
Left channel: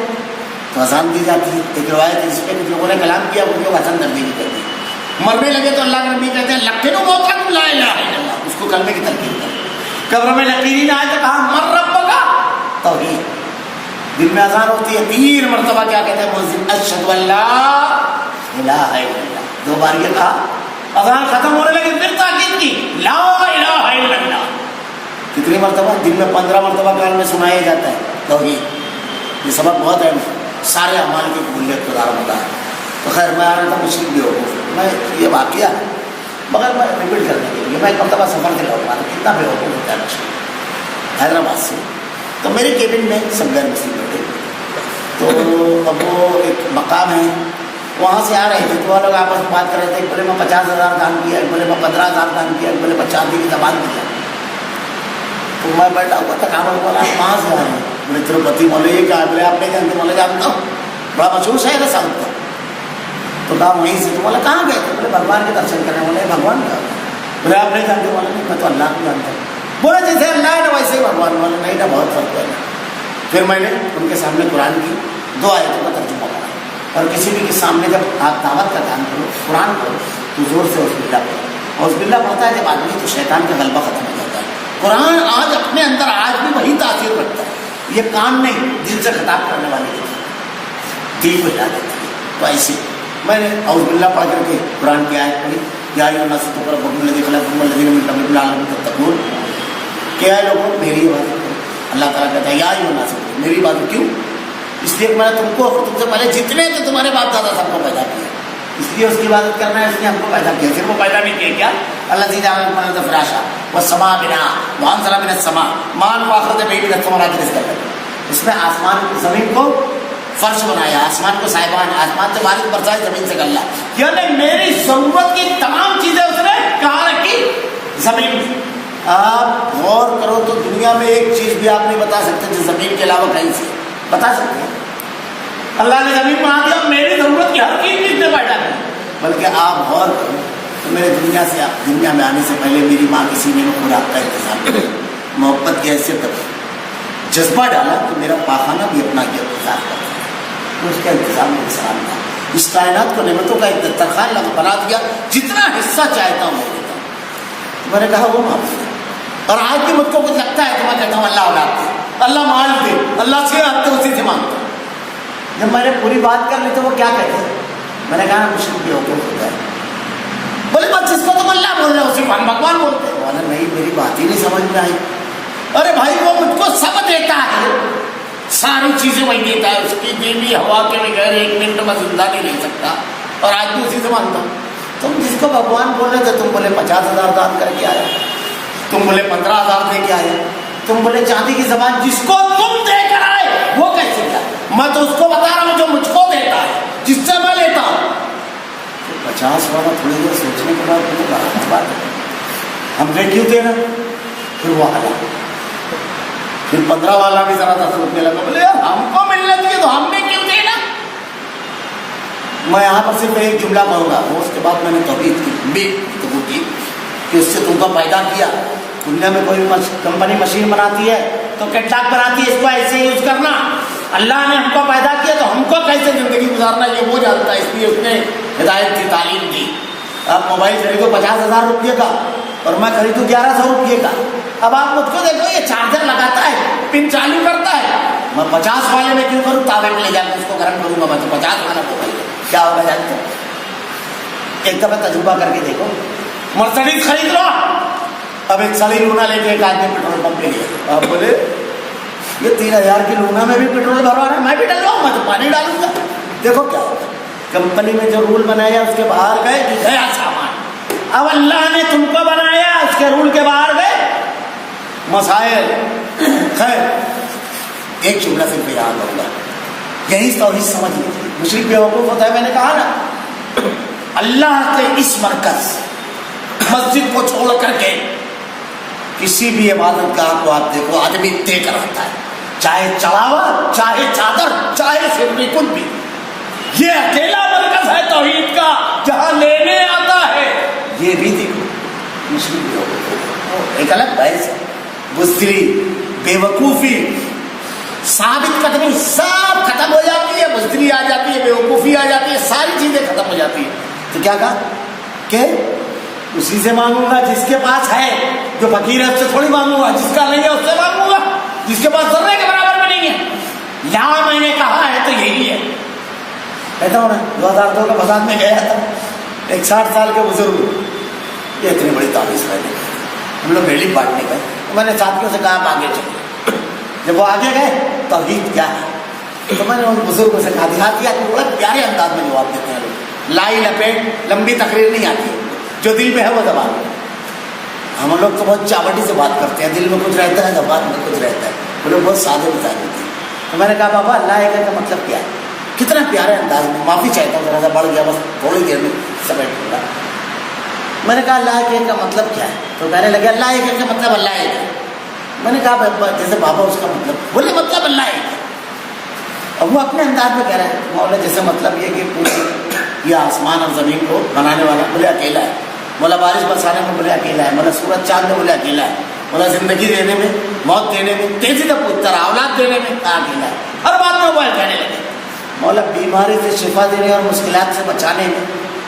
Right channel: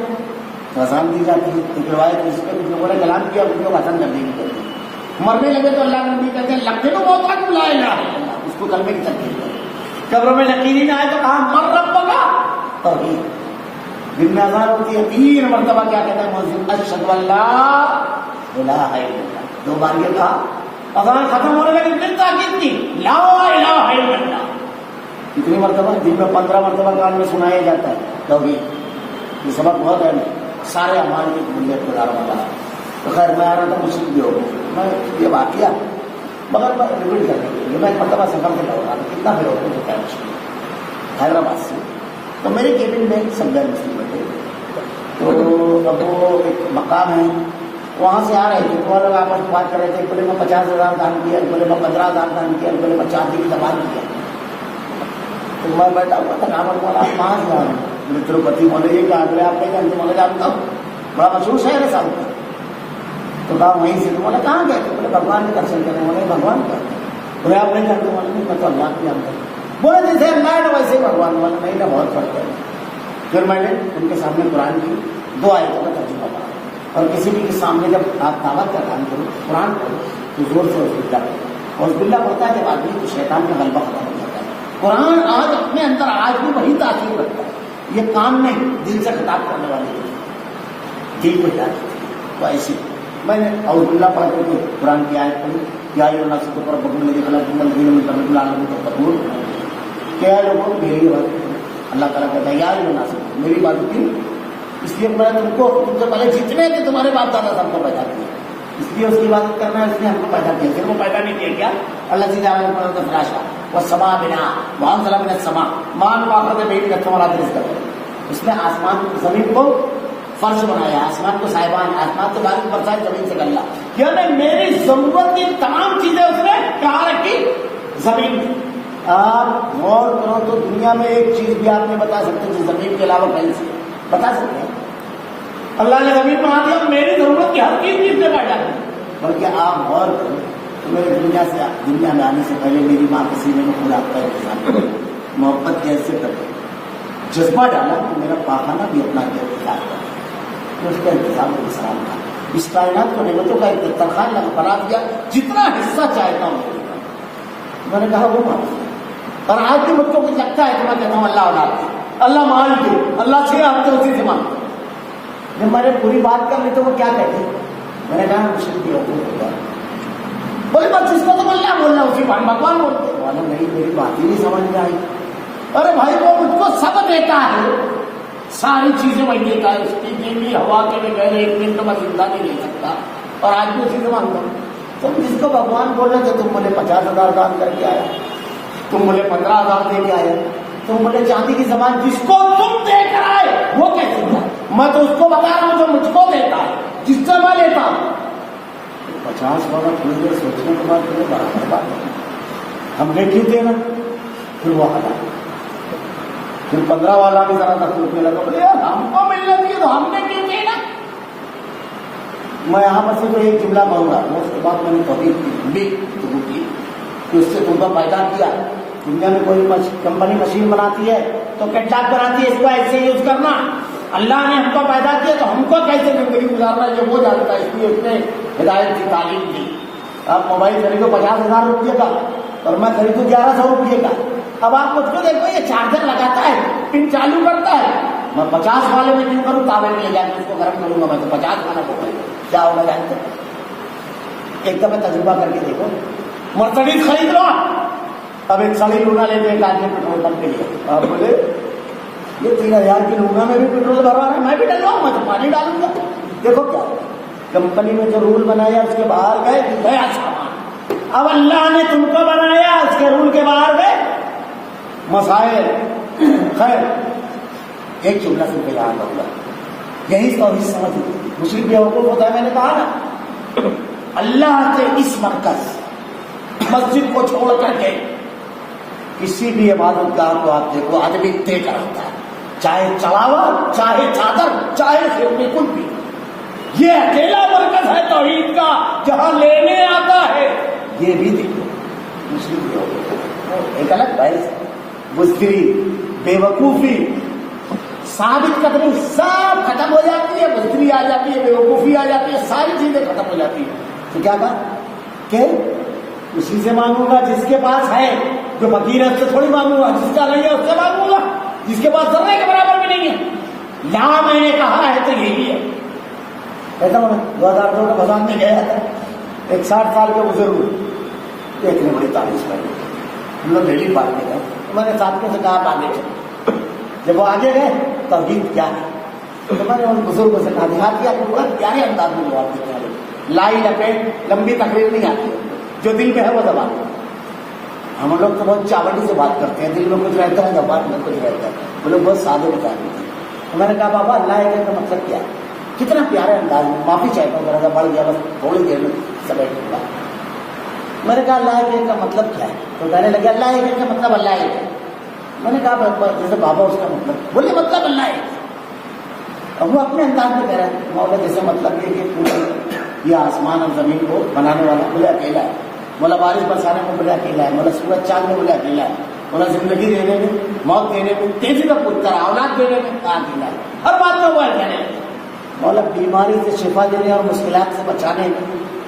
تو اذان دی جاتی ہے، ایک روایت ہے جس پہ لوگوں نے کلام کیا وہ لوگ اذان تبدیلی کرتے ہیں، مرنے لگے تو اللہ کے نبی کہتے ہیں لقنوا موتاکم لا الہ الا اللہ، اس کو کلمے کی تلقین کریں۔ قبر میں لقینی نہ آئے تو کہا من ربک، توحید۔ دن میں اذان ہوتی ہے 3 مرتبہ کیا کہتے ہیں مؤذن اشہد ان لا الہ الا اللہ، 2 بار یہ کہا، اذان ختم ہونے لگی پھر تاکید کی لا الہ الا اللہ، کتنی مرتبہ؟ دن میں 15 مرتبہ کان میں سنایا جاتا ہے توحید۔ یہ سبق بہت اہم ہے، سارے اعمال کی قبولیت کا دار مدار ہے۔ تو خیر میں آ رہا تھا مشرک بھی ہو، میں یہ واقعہ ہے مگر میں ریپیٹ کرنے کے لیے، میں ایک مرتبہ سفر سے لوٹ رہا تھا، کتنا بے وقوف ہوتا ہے مشرک، حیدرآباد سے، تو میرے کیبن میں سب غیر مسلم بیٹھے، تو اب وہ ایک مقام ہے وہاں سے آ رہے تھے، تو وہ لوگ آپس میں بات کر رہے تھے، ایک بولے میں 50,000 دان کیا، ایک بولے میں 15,000 دان کیا، ایک بولے میں 4 دن کی زبان کیا۔ تو میں بیٹھا ہوا تھا، کہاں بولا آپ کہاں سے آ رہے ہیں؟ بولے تروپتی۔ بولے یہ کہا؟ بولے آپ نہیں جانتے؟ بولے جانتا ہوں، بڑا مشہور شہر ہے ساؤتھ کا۔ تو کہا وہیں سے۔ تو بولا کہاں گئے تھے؟ بولے بھگوان کے درشن کرنے۔ بولے بھگوان کا؟ بولے آپ نہیں جانتے؟ بولے نہیں، میں تو اللہ کو جانتا ہوں۔ بولے جیسے اللہ ہے نا ویسے ہی بھگوان۔ بولے نہیں نا، بہت فرق ہے۔ پھر میں نے ان کے سامنے قرآن کی 2 آیتوں کا ترجمہ پڑھا، اور کسی بھی کے سامنے جب آپ دعوت کا کام کرو، قرآن پڑھو تو زور سے اعوذ باللہ پڑھو۔ اعوذ باللہ پڑھتا ہے جب آدمی تو شیطان کا غلبہ ختم ہو جاتا ہے۔ قرآن آج اپنے اندر آج بھی وہی تاثیر رکھتا ہے، یہ کان نہیں دل سے خطاب کرنے والی ہے، دل کو ہلا دیتا ہے۔ تو ایسے میں نے اعوذ باللہ پڑھ کر کے قرآن کی آیت پڑھی، یا ایھا الناس اتقوا ربکم الذی خلقکم والذین من قبلکم لعلکم تتقون، کہ اے لوگوں میری عبادت کرو۔ اللہ تعالیٰ کہتا ہے یا ایھا الناس، میری عبادت کیوں؟ اس لیے کہ میں نے تم کو تم سے پہلے جتنے تھے تمہارے باپ دادا سب کو پیدا کیا، اس لیے اس کی عبادت کرنا ہے، اس نے ہم کو پیدا کیا، صرف وہ پیدا نہیں کیا کیا اللہ جعل لكم الارض فراشا والسماء بناء وانزل من السماء ماء فاخرج به من الثمرات رزقا لكم، اس نے آسمان زمین کو فرش بنایا، آسمان کو صاحبان، آسمان سے بارش برسائی، زمین سے گلہ، یعنی میری ضرورت کی تمام چیزیں اس نے کہاں رکھی؟ زمین میں۔ آپ غور کرو تو دنیا میں ایک چیز بھی آپ نہیں بتا سکتے جو زمین کے علاوہ کہیں سے بتا سکتے ہیں؟ اللہ نے زمین بنا دیا، میری ضرورت کی ہر چیز بھی اس نے پیدا کی۔ بلکہ آپ غور کرو تو میرے دنیا میں آنے سے پہلے میری ماں کے سینے میں خوراک کا انتظام کرے، محبت کی حیثیت تک جذبہ ڈالا کہ میرا پاخانہ بھی اپنا انتظار کرتا ہے، تو اس کا انتظام میرے سلام تھا۔ اس کائنات کو نعمتوں کا ایک دسترخوان بنا دیا، جتنا حصہ چاہتا ہوں میرے کا۔ میں نے کہا وہ معاف، اور آج بھی مجھ کو کچھ لگتا ہے تو میں کہتا ہوں اللہ اولاد دے، اللہ مال دے، اللہ سے آپ تو اسی سے مانگتا ہوں۔ جب میں نے پوری بات کر لی تو وہ کیا کہتے ہیں؟ میں نے کہا مشرک بھی حقوق ہوتا ہے۔ بولے بس جس کو تم اللہ بول رہے ہو اسی کو ہم بھگوان بولتے ہیں۔ بولا نہیں، میری بات ہی نہیں سمجھ میں آئی۔ ارے بھائی وہ مجھ کو سب دیتا ہے، ساری چیزیں وہی دیتا ہے، اس کی بیوی ہوا کے بغیر ایک منٹ میں زندہ نہیں رہ سکتا، اور آج بھی اسی سے مانگتا ہوں۔ تم جس کو بھگوان بول رہے تھے تم بولے 50,000 دان کر کے آئے، تم بولے 15,000 دے کے آئے، تم بولے چاندی کی زبان جس کو تم دے کر آئے وہ کیسے کیا؟ میں تو اس کو بتا رہا ہوں جو مجھ کو دیتا ہے، جس سے میں لیتا ہوں۔ 50 والا تھوڑی دیر سوچنے کے بعد مجھے برابر بات ہے، ہم نے کیوں دینا؟ پھر وہ حالا، پھر 15 والا بھی ذرا سا سوچنے لگا، بولے یار ہم کو ملنا چاہیے تو ہم نے کیوں دینا؟ میں یہاں پر صرف ایک جملہ کہوں گا، وہ اس کے بعد میں نے توحید کی کہ اس سے تم کو پیدا کیا۔ دنیا میں کوئی کمپنی مشین بناتی ہے تو کیٹلاگ بناتی ہے، اس کو ایسے یوز کرنا۔ اللہ نے ہم کو پیدا کیا تو ہم کو کیسے زندگی گزارنا یہ وہ جانتا ہے، اس لیے اس نے ہدایت کی تعلیم دی۔ آپ موبائل خریدو 50,000 روپئے کا اور میں خریدوں 1100 روپئے کا، اب آپ مجھ کو دیکھو یہ چارجر لگاتا ہے، پن چالو کرتا ہے، میں 50 والے میں کیوں کروں؟ تاوے میں لے جا کے اس کو گرم کروں گا، میں تو 50 والا موبائل کیا ہوگا جانتے ہیں؟ ایک دفعہ تجربہ کر کے دیکھو، مرسڈیز خرید لو، اب ایک سالی لونا لے کے ایک آدمی پیٹرول پمپ پہ لیا، آپ بولے یہ 3,000 کی لونا میں بھی پیٹرول بھروا رہا ہے، میں بھی ڈلواؤں، میں تو پانی ڈالوں گا۔ دیکھو کیا ہوگا، کمپنی میں جو رول بنایا اس کے باہر گئے کہ گیا سامان، اب اللہ نے تم کو بنایا اس کے رول کے باہر گئے مسائل۔ خیر ایک جملہ صرف یاد ہوگا، یہی توحید سمجھ لیجیے۔ مشرک بیوقوف ہوتا ہے، میں نے کہا نا، اللہ کے اس مرکز مسجد کو چھوڑ کر کے کسی بھی عبادت گاہ کو آپ دیکھو آدمی دے کر آتا ہے، چاہے چڑھاوا، چاہے چادر، چاہے سرنی، کچھ بھی۔ یہ اکیلا مرکز ہے توحید کا جہاں لینے آتا ہے۔ یہ بھی دیکھو مشرک بیوقوف، ایک الگ بحث ہے، بزدلی، بے وقوفی، ثابت قدمی سب ختم ہو جاتی ہے، بزدلی آ جاتی ہے، بے وقوفی آ جاتی ہے، ساری چیزیں ختم ہو جاتی ہیں۔ تو کیا کہا کہ اسی سے مانگوں گا جس کے پاس ہے، جو فقیر ہے اس سے تھوڑی مانگوں گا، جس کا نہیں ہے اس سے مانگوں گا، جس کے پاس ذرے کے برابر بھی نہیں ہے۔ یہاں میں نے کہا ہے تو یہی ہے۔ کہتا ہوں نا 2002 کا فساد میں گیا تھا، ایک 60 سال کے بزرگ، یہ اتنی بڑی تعویذ میں نے، ہم لوگ ریلی بانٹنے گئے، میں نے ساتھیوں سے کہا آپ آگے چلو۔ جب وہ آگے گئے توحید کیا ہے تو میں نے ان بزرگوں سے کہا، دیہاتی آدمی بڑا پیارے انداز میں جواب دیتے ہیں لوگ، لائی لپیٹ لمبی تقریر نہیں آتی، جو دل میں ہے وہ زبان میں۔ ہم لوگ تو بہت چاوٹی سے بات کرتے ہیں، دل میں کچھ رہتا ہے، زبان میں کچھ رہتا ہے، وہ لوگ بہت سادے مزاج ہوتے ہیں۔ تو میں نے کہا بابا اللہ ایک کا مطلب کیا ہے؟ کتنا پیارے انداز میں، معافی چاہتا ہوں ذرا سا بڑھ گیا، بس تھوڑی دیر میں سمیٹ لوں گا۔ میں نے کہا اللہ ایک کا مطلب کیا ہے؟ تو کہنے لگے اللہ ایک کا مطلب اللہ ایک ہے۔ میں نے کہا جیسے بابا اس کا مطلب، بولے مطلب اللہ ایک ہے۔ اب وہ اپنے انداز میں کہہ رہے ہیں مولا جیسے مطلب یہ کہ پوری یہ آسمان اور زمین کو بنانے والا بولے اکیلا ہے، مولا بارش برسانے میں بولے اکیلا ہے، مولا سورج چاند میں بولے اکیلا ہے، مولا زندگی دینے میں، موت دینے میں، تیزی سے پوچھتا رہا، اولاد دینے میں اکیلا ہے، ہر بات میں وہ کہنے لگے۔ مولا بیماری سے شفا دینے اور مشکلات سے بچانے میں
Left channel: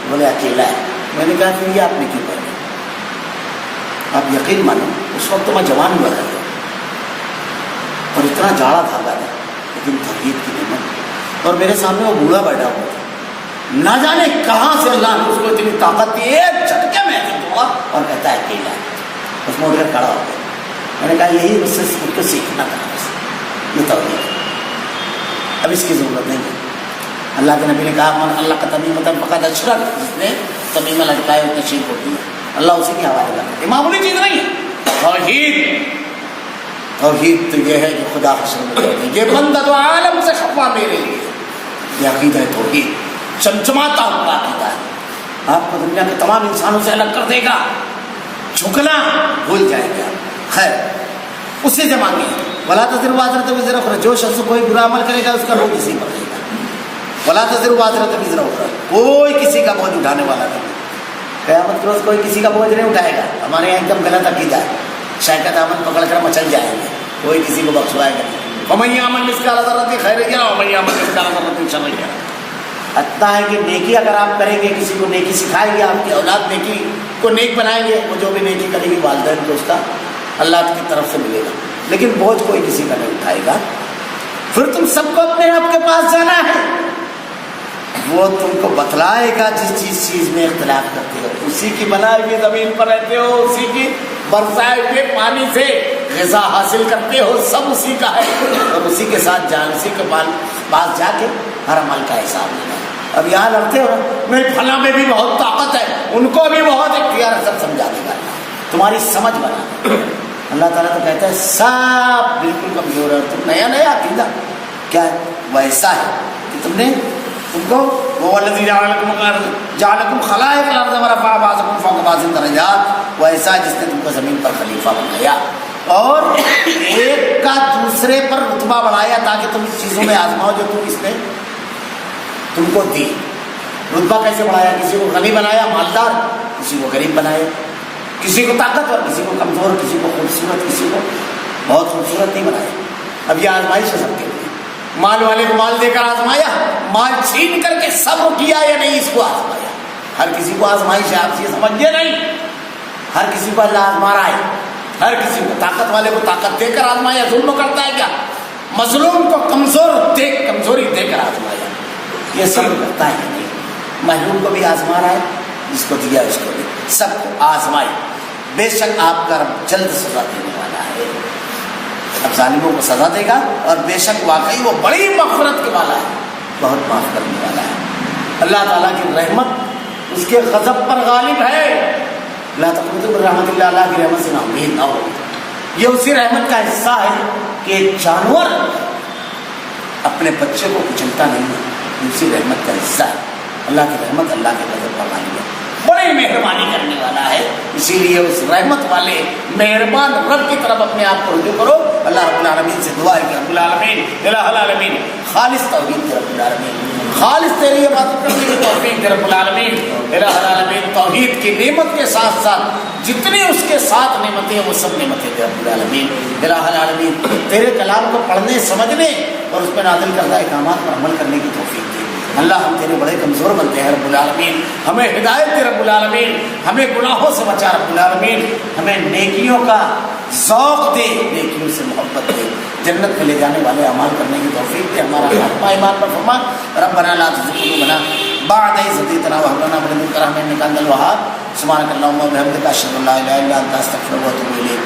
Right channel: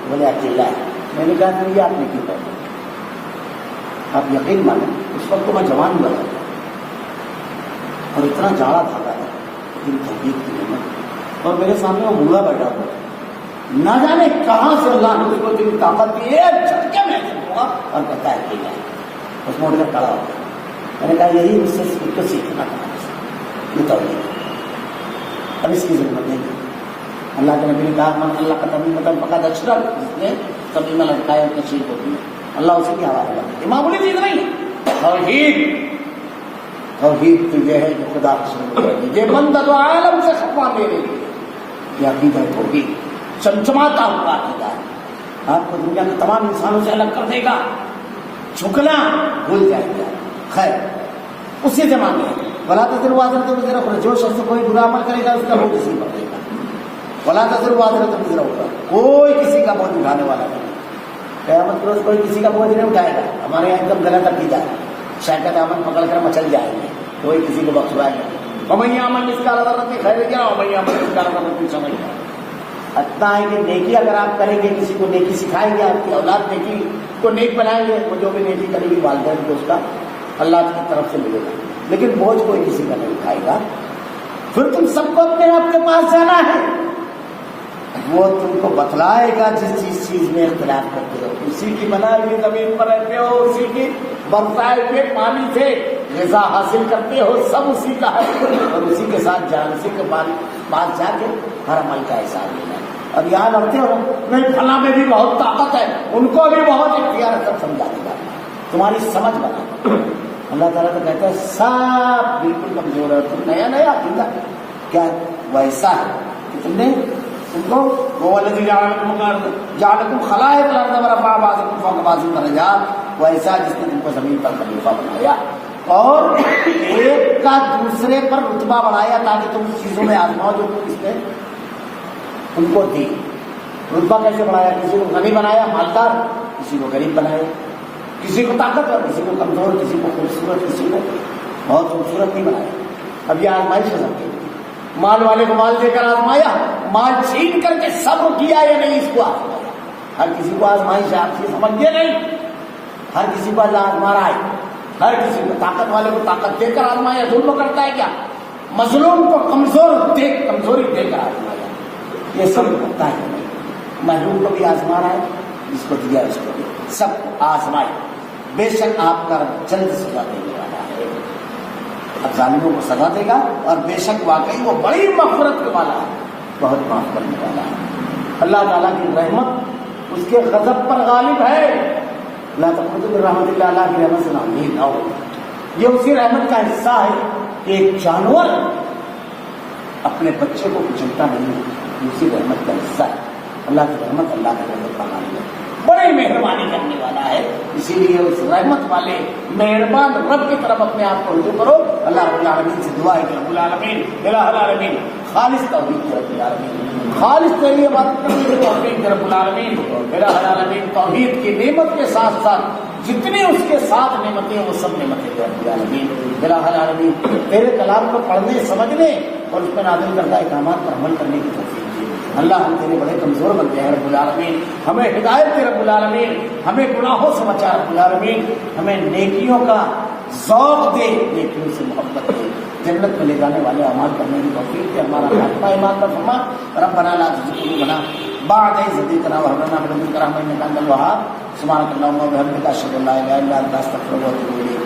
بولے اکیلا ہے۔ میں نے کہا پھر یہ آپ نے کیوں پہنے؟ آپ یقین مانو اس وقت تو میں جوان ہوا تھا اور اتنا جاڑا دھاگا تھا، لیکن توحید کی نعمت، اور میرے سامنے وہ بوڑھا بیٹھا ہوا تھا، نہ جانے کہاں سے اللہ نے اس کو اتنی طاقت دی، ایک جھٹکے میں دیا اور کہتا ہے اکیلا ہے، بس موڑ کر کھڑا ہو گیا۔ میں نے کہا یہی مجھ سے سیکھنا تھا، یہ توحید ہے۔ اب اس کی ضرورت نہیں ہے. اللہ کے نبی نے کہا من اللہ کا تمیمۃ فقد اشرک, جس نے تمیمہ لٹکایا اس نے شرک ہوتی ہے. اللہ اسی کے حوالے کرتا ہے. معمولی چیز نہیں ہے. توحید تو یہ ہے کہ خدا حشر میں جاتے ہیں. یہ بندہ تو عالم سے خفا میرے لیے, یہ عقیدہ ہے توحید, چمچماتا ہوا عقیدہ ہے. آپ کو دنیا کے تمام انسانوں سے الگ کر دے گا. جھکنا بھول جائیں گے آپ. خیر اسی سے مانگے ولا تزر وازرۃ وزر اخرى, جو شخص کوئی برا عمل کرے گا اس کا بوجھ اسی پر رہے گا. ولا تزر وازرۃ وزر اخرى, کوئی کسی کا بوجھ اٹھانے والا نہیں. قیامت کے روز کوئی کسی کا بوجھ نہیں اٹھائے گا. ہمارے یہاں ایک دم غلط عقیدہ ہے, شاید دامن پکڑ کر مچل جائیں گے, کوئی کسی کو بخشوائے گا نہیں. ومن یعمل مثقال ذرۃ خیرا یرہ ومن یعمل مثقال ذرۃ شرا یرہ. اتنا ہے کہ نیکی اگر آپ کریں گے, کسی کو نیکی سکھائیں گے, آپ کی اولاد نیکی کو نیک بنائیں گے, وہ جو بھی نیکی کرے گی والدین کو اس کا اللہ کی طرف سے ملے گا. لیکن بوجھ کوئی کسی کا نہیں اٹھائے گا. پھر تم سب کو اپنے آپ کے پاس جانا ہے, وہ تم کو بتلائے گا جس چیز میں اختلاف کرتے ہو. اسی کی بنائی ہوئی زمین پر رہتے ہو, اسی کی برسائے ہوئے پانی سے غذا حاصل کرتے ہو, سب اسی کا ہے. اور اسی کے ساتھ جان, اسی کے پاس جا کے ہر عمل کا حساب لینا ہے. اب یہاں لڑتے ہو میں فلاں میں بھی بہت طاقت ہے, ان کو بھی بہت اختیار ہے, سب سمجھا دے گا تمہاری سمجھ بنا دے. اللہ تعالیٰ تو کہتا ہے سب بالکل کمزور ہے, اور تم نیا نیا عقیدہ کیا ہے ویسا ہے کہ تم نے تم کو وہ الذی جعلکم خلائق الارض ورفع بعضکم فوق بعض درجات, ویسا جس نے تم کو زمین پر خلیفہ بنایا اور ایک کا دوسرے پر رتبہ بڑھایا تاکہ تم اس چیزوں میں آزماؤ جو تم اس نے تم کو دی. رتبہ کیسے بڑھایا؟ کسی کو غنی بنایا مالدار, کسی کو غریب بنایا, کسی کو طاقتور, کسی کو کمزور, کسی کو خوبصورت, کسی کو بہت خوبصورت نہیں بنایا. اب یہ آزمائش ہے سب کے لیے. مال والے کو مال دے کر آزمایا, مال چھین کر کے صبر کیا یا نہیں اس کو آزمایا. ہر کسی کو آزمائش ہے, آپ یہ سمجھیے نہیں. ہر کسی کو اللہ آزما رہا ہے. ہر کسی کو طاقت والے کو طاقت دے کر آزمایا. ظلم کرتا ہے کیا؟ مظلوم کو کمزوری دے کر آزمایا. یہ سب کرتا ہے یا نہیں؟ محروم کو بھی آزما رہا ہے, جس کو دیا اس کو بھی, سب کو آزمائے. بے شک آپ کا رب جلد سزا دینے والا ہے. اب ظالموں کو سزا دے گا, اور بے شک واقعی وہ بڑی مغفرت کے والا ہے, بہت معاف کرنے والا ہے. اللہ تعالیٰ کی رحمت اس کے غضب پر غالب ہے. لا تقنطوا من رحمت اللہ, اللہ کی رحمت سے نا امید نہ ہو. یہ اسی رحمت کا حصہ ہے کہ ایک جانور اپنے بچے کو کچلتا نہیں ہے, اسی رحمت کا حصہ ہے. اللہ کی رحمت اللہ کے غضب پر غالب ہے, بڑی مہربانی کرنے والا ہے. اسی لیے اس رحمت والے مہربان رب کی طرف اپنے آپ کو رجوع کرو. اللہ رب العالمین سے دعا ہے کہ رب العالمین الہ العالمین خالص توحید دے رب العالمین, خالص تیری عبادت کرنے کی توفیق دے رب العالمین. الہ العالمین توحید کی نعمت کے ساتھ ساتھ جتنی اس کے ساتھ نعمتیں وہ سب نعمتیں دے رب العالمین. الہ العالمین تیرے کلام کو پڑھنے, سمجھنے اور اس میں نازل کردہ احکامات پر عمل کرنے کی توفیق دے. اللہ ہم تیرے بڑے کمزور بنتے ہیں رب العالمین, ہمیں ہدایت دے رب العالمین, ہمیں گناہوں سے بچا رب العالمین, ہمیں نیکیوں کا ذوق دے, نیکیوں سے محبت دے, جنت میں لے جانے والے اعمال کرنے کی توفیق دے. ہمارا خاتمہ ایمان پر فرما. ربنا لا تزغ قلوبنا بعد إذ هديتنا وهب لنا من لدنك رحمة إنك أنت الوهاب. سبحانك اللهم وبحمدك أشهد أن لا إله إلا أنت أستغفرك وأتوب إليك.